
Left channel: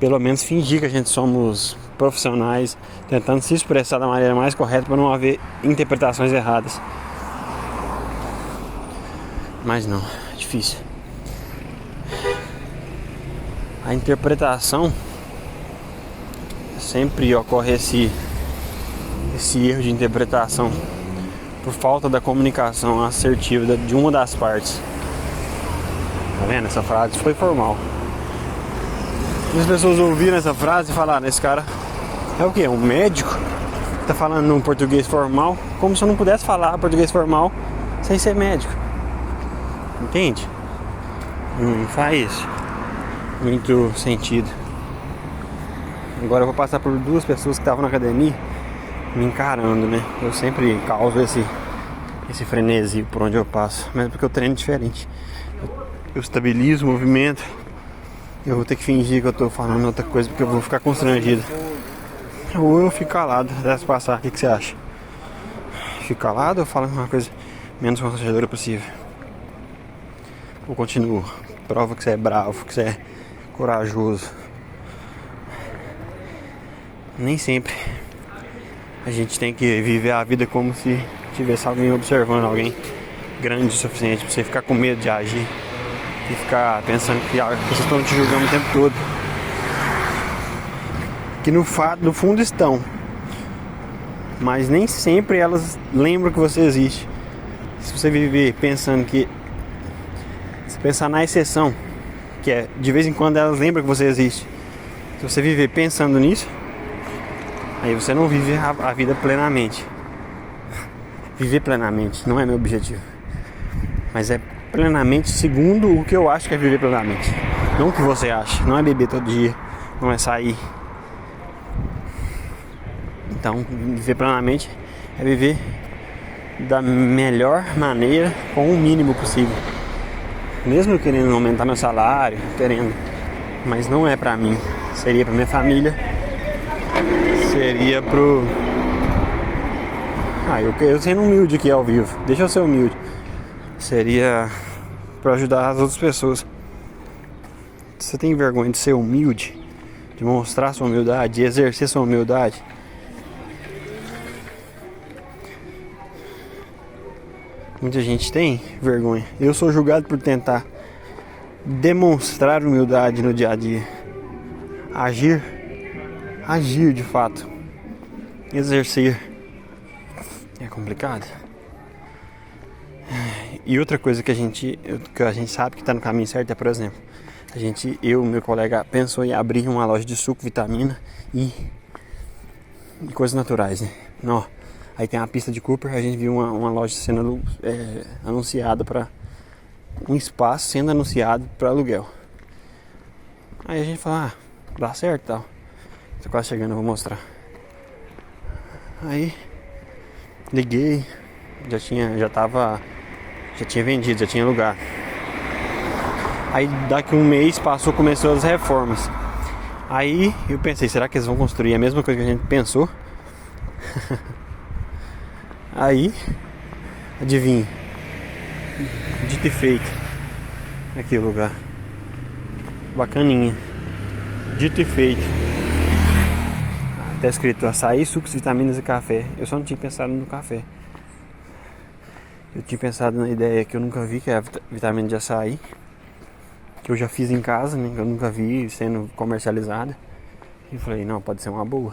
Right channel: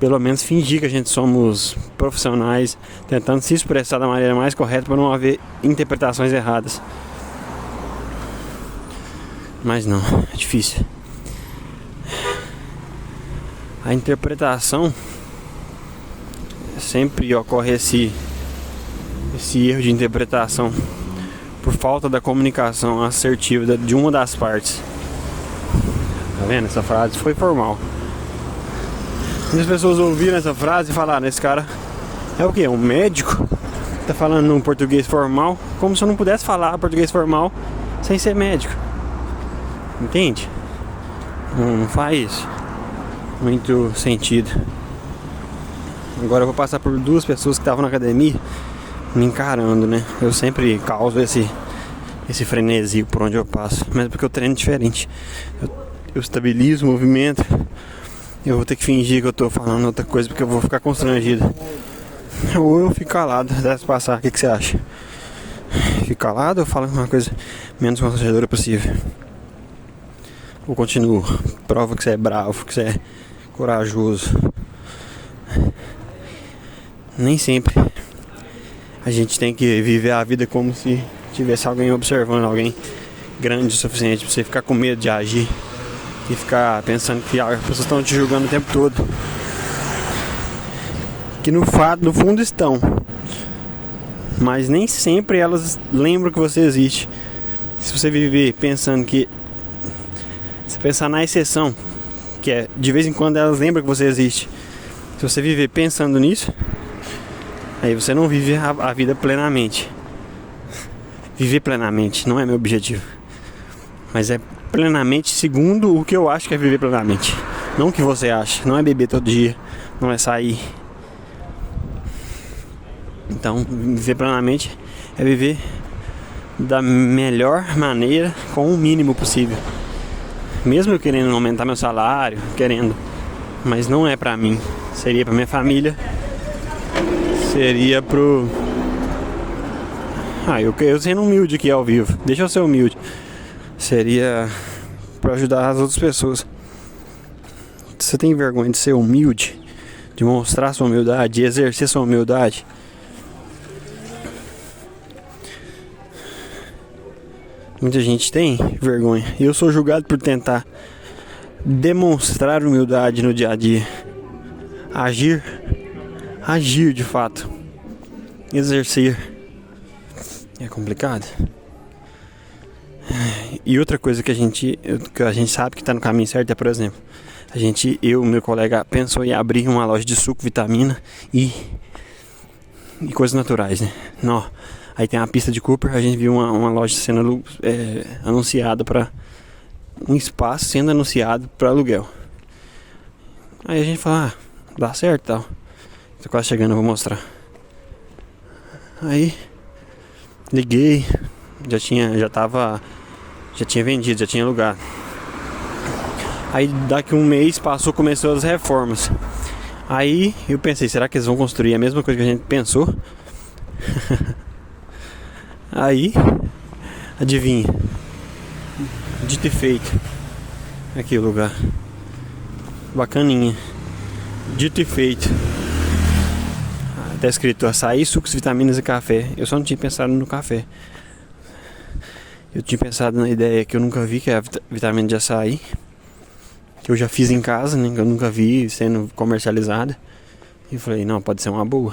pelo menos fingir que a gente somos profissionais, tentando se expressar da maneira mais correta para não haver interpretações erradas. Mas não, é difícil. A interpretação, sempre ocorre esse erro de interpretação por falta da comunicação assertiva de uma das partes. Tá vendo? Essa frase foi formal. E as pessoas ouviram essa frase e falaram, esse cara é o quê? Um médico? Tá falando um português formal, como se eu não pudesse falar português formal sem ser médico. Entende? Não faz muito sentido. Agora eu vou passar por duas pessoas que estavam na academia me encarando, né? Eu sempre causo esse frenesi por onde eu passo, mas porque eu treino diferente. Eu estabilizo o movimento. Eu vou ter que fingir que eu tô falando outra coisa porque eu vou ficar constrangido. Ou eu fico calado até passar. O que você acha? Fico calado ou falo uma coisa menos constrangedora possível? Ou continuo? Prova que você é bravo, que você é corajoso. Nem sempre a gente tem que viver a vida como se tivesse alguém observando, alguém grande o suficiente pra você ficar com medo de agir e ficar pensando que as pessoas estão te julgando o tempo todo. Que no fundo estão, mas nem sempre elas lembram que você existe. Se você viver pensando que, se pensar na exceção, que é de vez em quando elas lembram que você existe, se você viver pensando nisso, aí você não vive a vida plenamente. Viver plenamente não é meu objetivo, mas é plenamente segundo o que eu acho que é viver plenamente. Não o que você acha. Não é beber todo dia, não é sair. Então, viver plenamente é viver da melhor maneira, com o mínimo possível. Mesmo eu querendo aumentar meu salário, mas não é pra mim. Seria pra minha família. Seria pro... eu sendo humilde aqui ao vivo. Deixa eu ser humilde. Seria pra ajudar as outras pessoas. Você tem vergonha de ser humilde? De mostrar sua humildade? De exercer sua humildade? Muita gente tem vergonha. E eu sou julgado por tentar demonstrar humildade no dia a dia. Agir de fato. Exercer. É complicado. E outra coisa que a gente sabe que está no caminho certo é, por exemplo, eu e meu colega pensou em abrir uma loja de suco, vitamina e coisas naturais, né? Não. Aí tem uma pista de Cooper, a gente viu uma loja sendo anunciada para um espaço sendo anunciado para aluguel. Aí a gente falou, dá certo e tal. Tô quase chegando, eu vou mostrar. Aí liguei, já tinha vendido, já tinha alugado. Aí daqui um mês começou as reformas. Aí eu pensei, será que eles vão construir a mesma coisa que a gente pensou? Aí, adivinha, dito e feito. Aqui o lugar, bacaninha, dito e feito. Tá escrito açaí, sucos, vitaminas e café. Eu só não tinha pensado no café. Eu tinha pensado na ideia que eu nunca vi, que é a vitamina de açaí, que eu já fiz em casa, né, que eu nunca vi sendo comercializada. E falei, não, pode ser uma boa.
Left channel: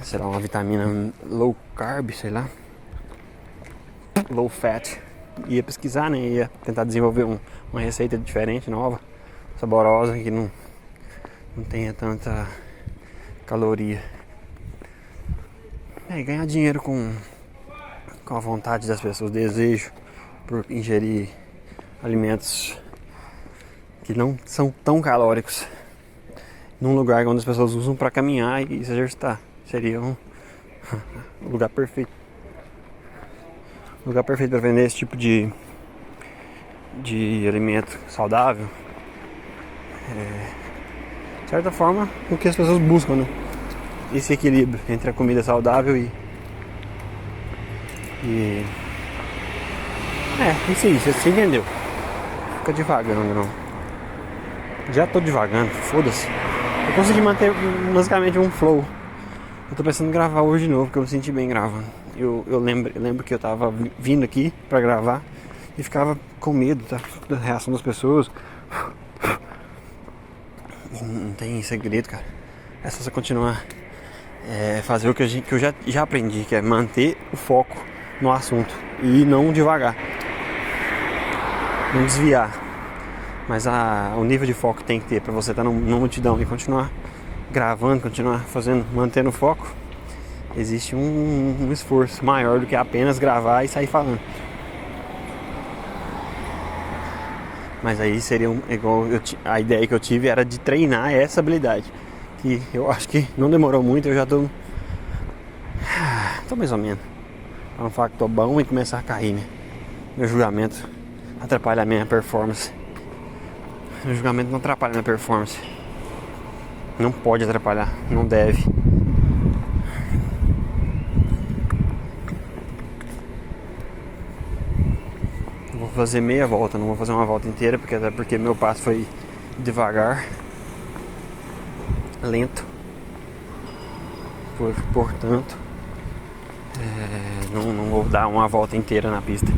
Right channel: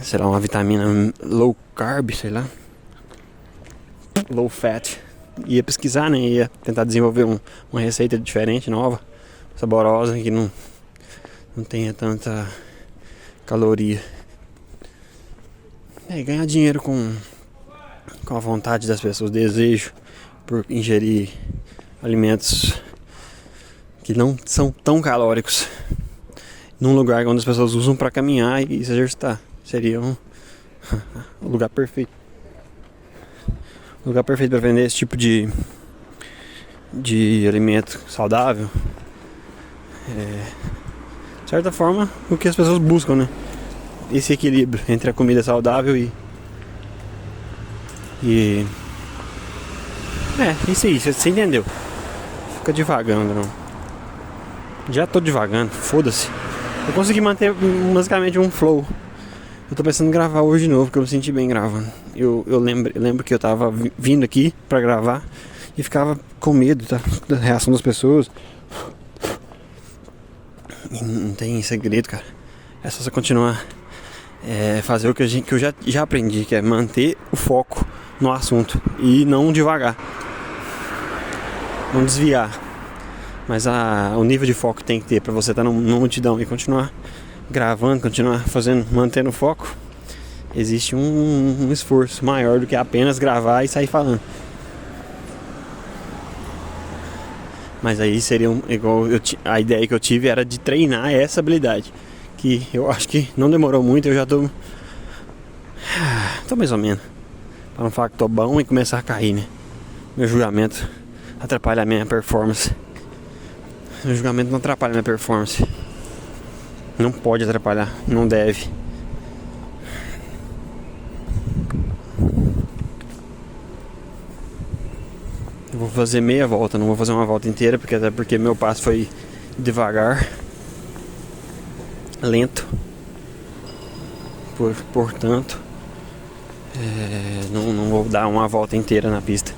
Será uma vitamina low carb, sei lá, low fat. Ia pesquisar, né, ia tentar desenvolver uma receita diferente, nova, saborosa, que não tenha tanta caloria. E ganhar dinheiro com a vontade das pessoas, desejo por ingerir alimentos que não são tão calóricos, num lugar onde as pessoas usam para caminhar e se exercitar. Seria um lugar perfeito. Um lugar perfeito para vender esse tipo de alimento saudável. De certa forma, o que as pessoas buscam, né? Esse equilíbrio entre a comida saudável isso aí, você entendeu. Fica devagando, não. Já tô devagando, foda-se. Eu consegui manter basicamente um flow. Eu tô pensando em gravar hoje de novo, porque eu me senti bem gravando. Eu lembro que eu tava vindo aqui pra gravar e ficava com medo da reação das pessoas. E não tem segredo, cara. É só você continuar fazer o que eu já aprendi, que é manter o foco no assunto e não devagar, não desviar. Mas o nível de foco tem que ter pra você estar numa multidão e continuar gravando, continuar fazendo, mantendo o foco. Existe um esforço maior do que apenas gravar e sair falando. Mas aí seria igual a ideia que eu tive era de treinar essa habilidade, que eu acho que não demorou muito. Eu já tô mais ou menos, pra não falar que tô bom e começar a cair, né? Meu julgamento atrapalha a minha performance. Meu julgamento não atrapalha a minha performance. Não pode atrapalhar, não deve. Vou fazer meia volta, não vou fazer uma volta inteira, até porque meu passo foi devagar, lento. Portanto, não vou dar uma volta inteira na pista.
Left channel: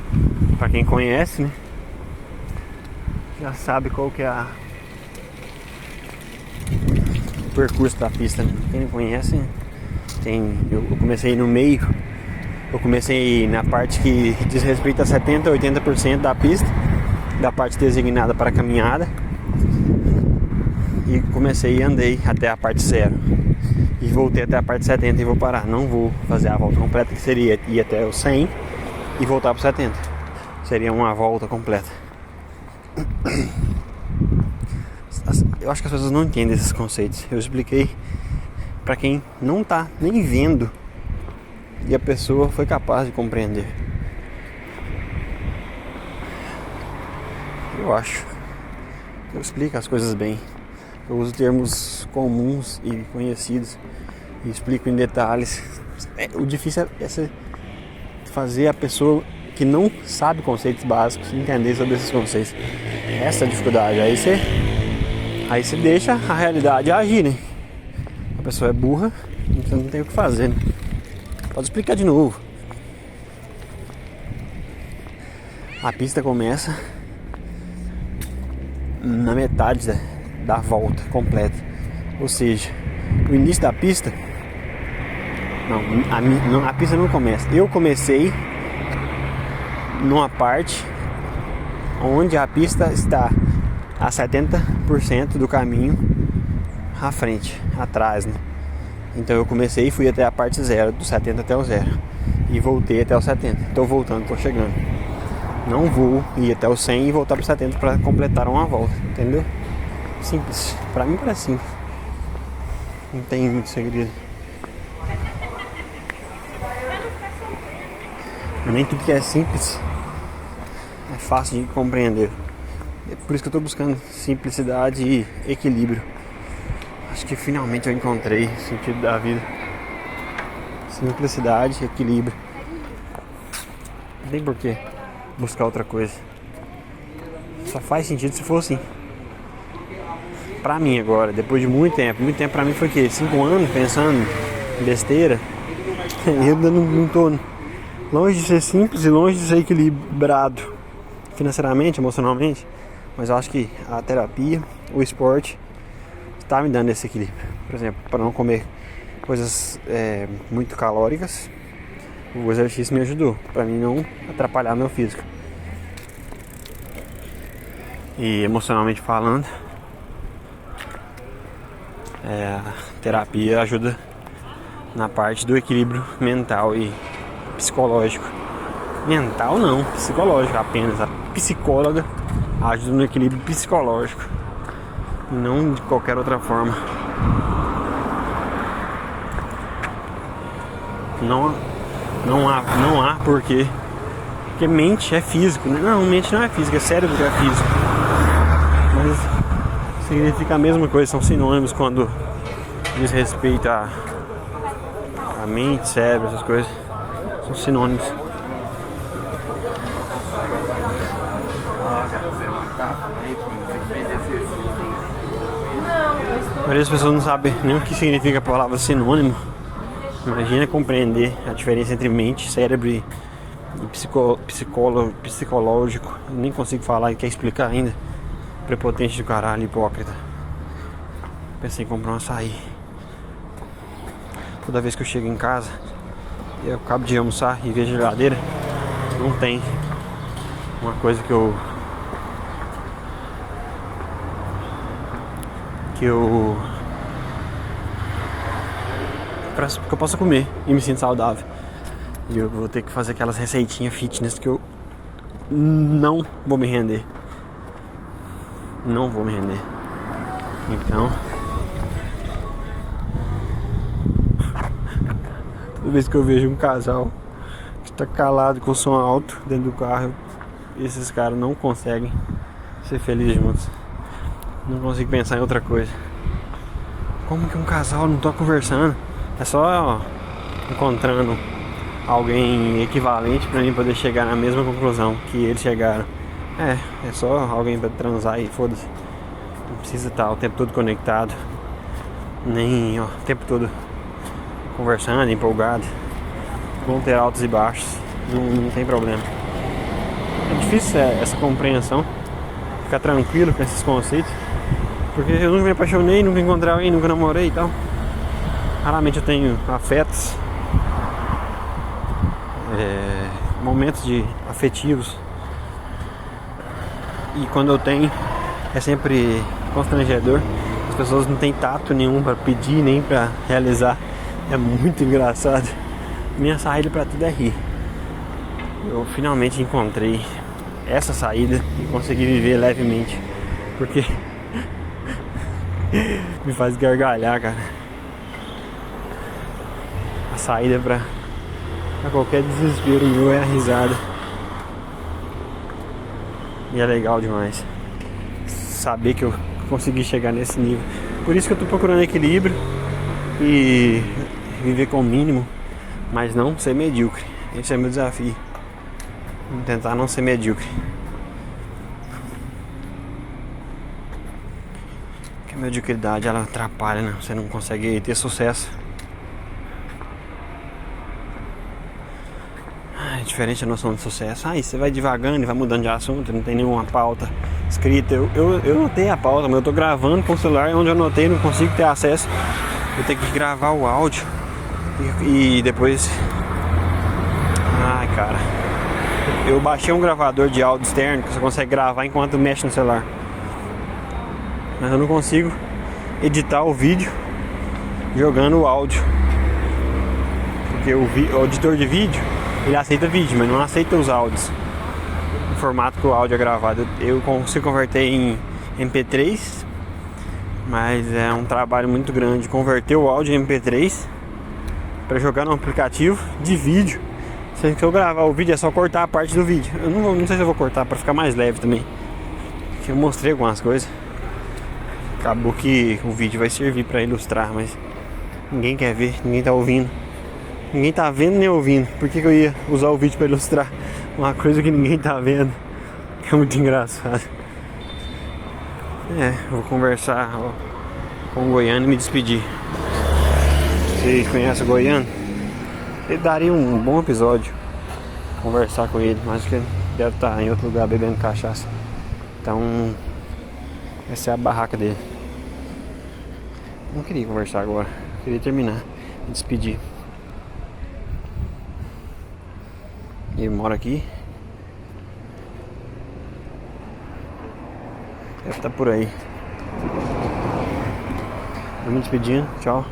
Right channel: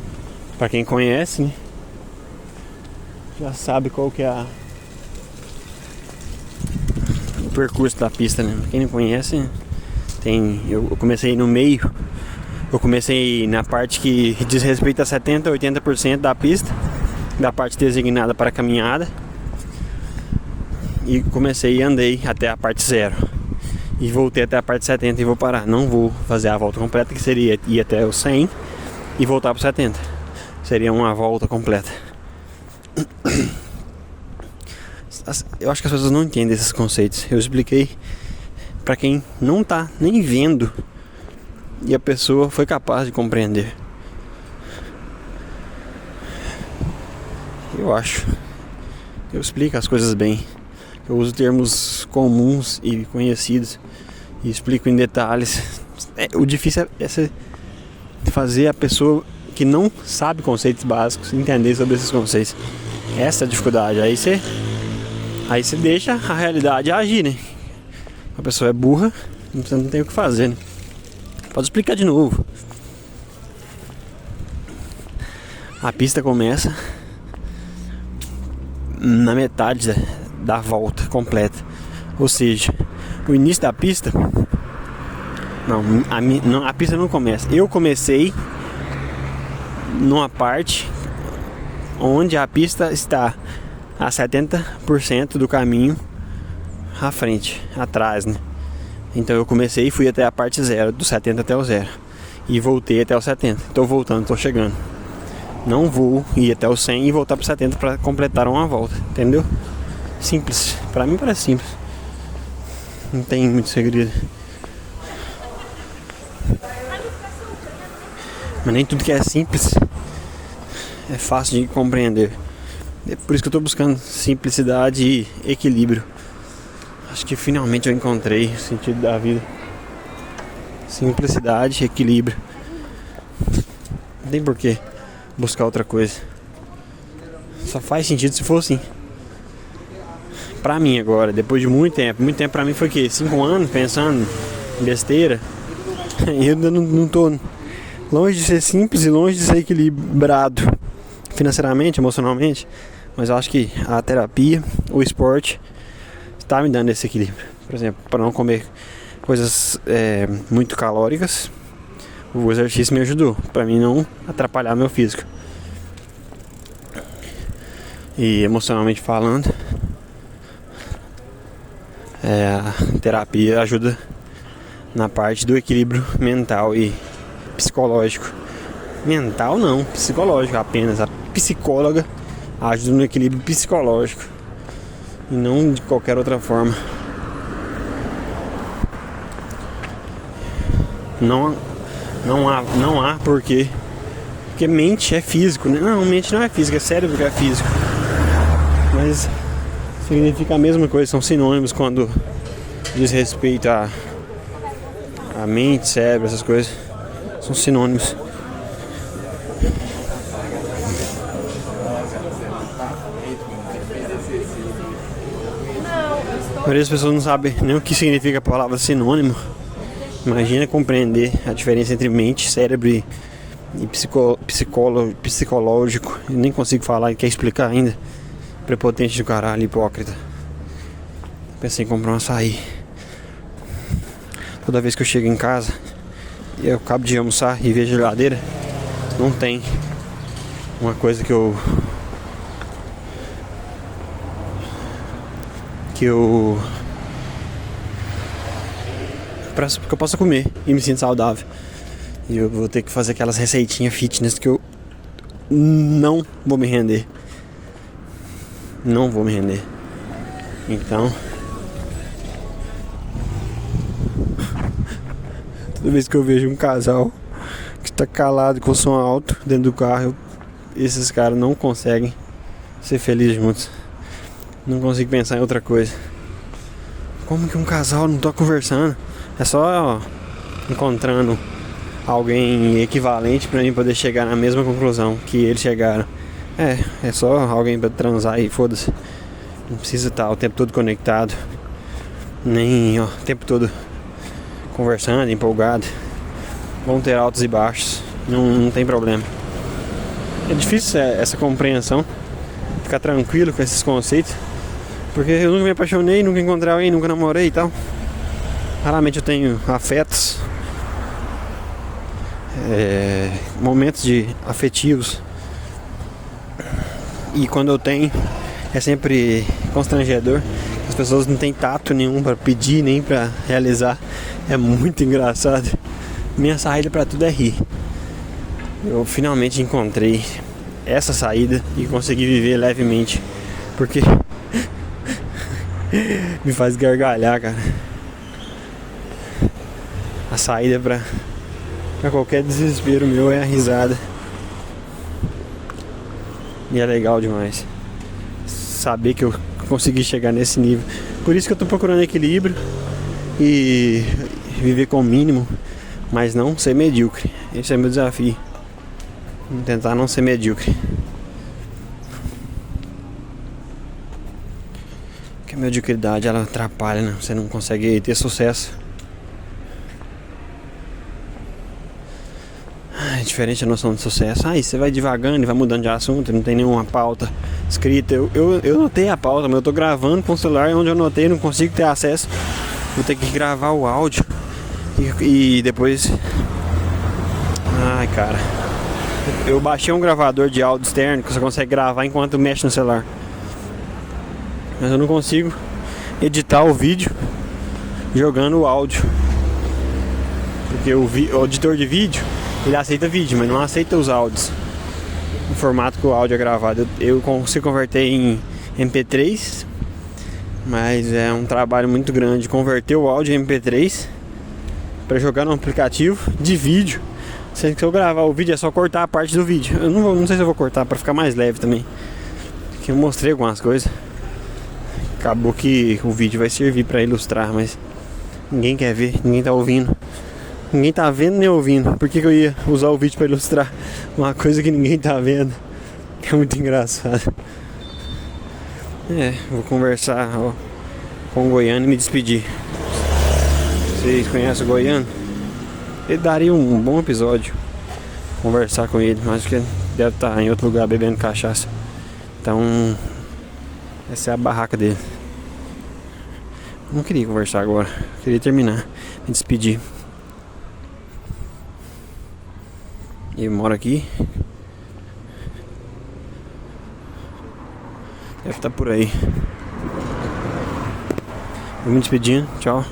Pra quem conhece, né, já sabe qual que é o percurso da pista, né? Quem não conhece, eu comecei no meio. Eu comecei na parte que diz respeito a 70% a 80% da pista, da parte designada para caminhada, e comecei e andei até a parte 0 e voltei até a parte 70 e vou parar. Não vou fazer a volta completa, que seria ir até o 100 e voltar para 70. Seria uma volta completa. Eu acho que as pessoas não entendem esses conceitos. Eu expliquei para quem não tá nem vendo e a pessoa foi capaz de compreender. Eu acho. Eu explico as coisas bem. Eu uso termos comuns e conhecidos e explico em detalhes. O difícil é fazer a pessoa que não sabe conceitos básicos entender sobre esses conceitos. Essa é a dificuldade. Aí você deixa a realidade agir, né? A pessoa é burra, você não tem o que fazer, né? Pode explicar de novo. A pista começa na metade da volta completa. Ou seja, o início da pista... Não, a pista não começa. Eu comecei numa parte onde a pista está a 70% do caminho à frente, atrás, né? Então eu comecei e fui até a parte 0, do 70 até o 0. E voltei até o 70. Tô voltando, tô chegando. Não vou ir até o 100 e voltar pro 70 para completar uma volta, entendeu? Simples, pra mim parece simples. Não tem muito segredo. Mas nem tudo que é simples é fácil de compreender. É por isso que eu tô buscando simplicidade e equilíbrio. Acho que finalmente eu encontrei o sentido da vida. Simplicidade e equilíbrio. Não tem por que buscar outra coisa. Só faz sentido se for assim. Pra mim agora, depois de muito tempo pra mim foi o quê? 5 anos pensando em besteira. E eu não tô longe de ser simples e longe de ser equilibrado financeiramente, emocionalmente. Mas eu acho que a terapia, o esporte tá me dando esse equilíbrio. Por exemplo, para não comer coisas muito calóricas, o exercício me ajudou para mim não atrapalhar meu físico. E emocionalmente falando, a terapia ajuda na parte do equilíbrio mental e psicológico. Mental não, psicológico apenas. A psicóloga ajuda no equilíbrio psicológico. e não de qualquer outra forma. Não há porquê. Porque mente é físico, né? Não, mente não é física, é cérebro que é físico. Mas significa a mesma coisa, são sinônimos quando diz respeito a mente, cérebro, essas coisas. São sinônimos. A maioria das pessoas não sabe nem o que significa a palavra sinônimo. Imagina compreender a diferença entre mente, cérebro e psicológico. Eu nem consigo falar e quer explicar ainda. Prepotente do caralho, hipócrita. Pensei em comprar um açaí. Toda vez que eu chego em casa e eu acabo de almoçar e vejo a geladeira, não tem uma coisa que eu possa comer e me sinto saudável. E eu vou ter que fazer aquelas receitinhas fitness que eu não vou me render. Não vou me render. Então, toda vez que eu vejo um casal que está calado com o som alto dentro do carro, esses caras não conseguem ser felizes juntos. Não consigo pensar em outra coisa. Como que um casal não tá conversando? É só encontrando alguém equivalente pra mim poder chegar na mesma conclusão que eles chegaram. É só alguém pra transar e foda-se. Não precisa estar o tempo todo conectado, nem o tempo todo conversando, empolgado. Vão ter altos e baixos, não tem problema. É difícil essa compreensão, ficar tranquilo com esses conceitos, porque eu nunca me apaixonei, nunca encontrei alguém, nunca namorei e tal. Raramente eu tenho afetos, momentos de afetivos. E quando eu tenho, é sempre constrangedor. As pessoas não têm tato nenhum para pedir, nem para realizar. É muito engraçado. Minha saída para tudo é rir. Eu finalmente encontrei essa saída e consegui viver levemente, porque me faz gargalhar, cara. A saída pra qualquer desespero meu é a risada. E é legal demais saber que eu consegui chegar nesse nível. Por isso que eu tô procurando equilíbrio e viver com o mínimo, mas não ser medíocre. Esse é meu desafio. Tentar não ser medíocre. Porque a mediocridade, ela atrapalha, né? Você não consegue ter sucesso. É diferente a noção de sucesso. Aí você vai devagando e vai mudando de assunto, não tem nenhuma pauta escrita. Eu notei a pauta, mas eu tô gravando com o celular onde eu anotei, não consigo ter acesso. Vou ter que gravar o áudio e depois... Ai, cara. Eu baixei um gravador de áudio externo que você consegue gravar enquanto mexe no celular. Mas eu não consigo editar o vídeo jogando o áudio. Porque o editor de vídeo, ele aceita vídeo, mas não aceita os áudios no formato que o áudio é gravado. Eu consigo converter em MP3, mas é um trabalho muito grande converter o áudio em MP3 para jogar no aplicativo de vídeo. Se eu gravar o vídeo é só cortar a parte do vídeo. Eu não sei se eu vou cortar para ficar mais leve também, porque eu mostrei algumas coisas. Acabou que o vídeo vai servir para ilustrar, mas ninguém quer ver, ninguém tá ouvindo. Ninguém tá vendo nem ouvindo. Por que eu ia usar o vídeo para ilustrar uma coisa que ninguém tá vendo? É muito engraçado. Vou conversar com o Goiano e me despedir. Vocês conhecem o Goiano? Ele daria um bom episódio conversar com ele. Acho que ele deve estar em outro lugar bebendo cachaça. Então, essa é a barraca dele. Não queria conversar agora, queria terminar, me despedir. Ele mora aqui. Deve estar por aí. Vou me despedindo, tchau.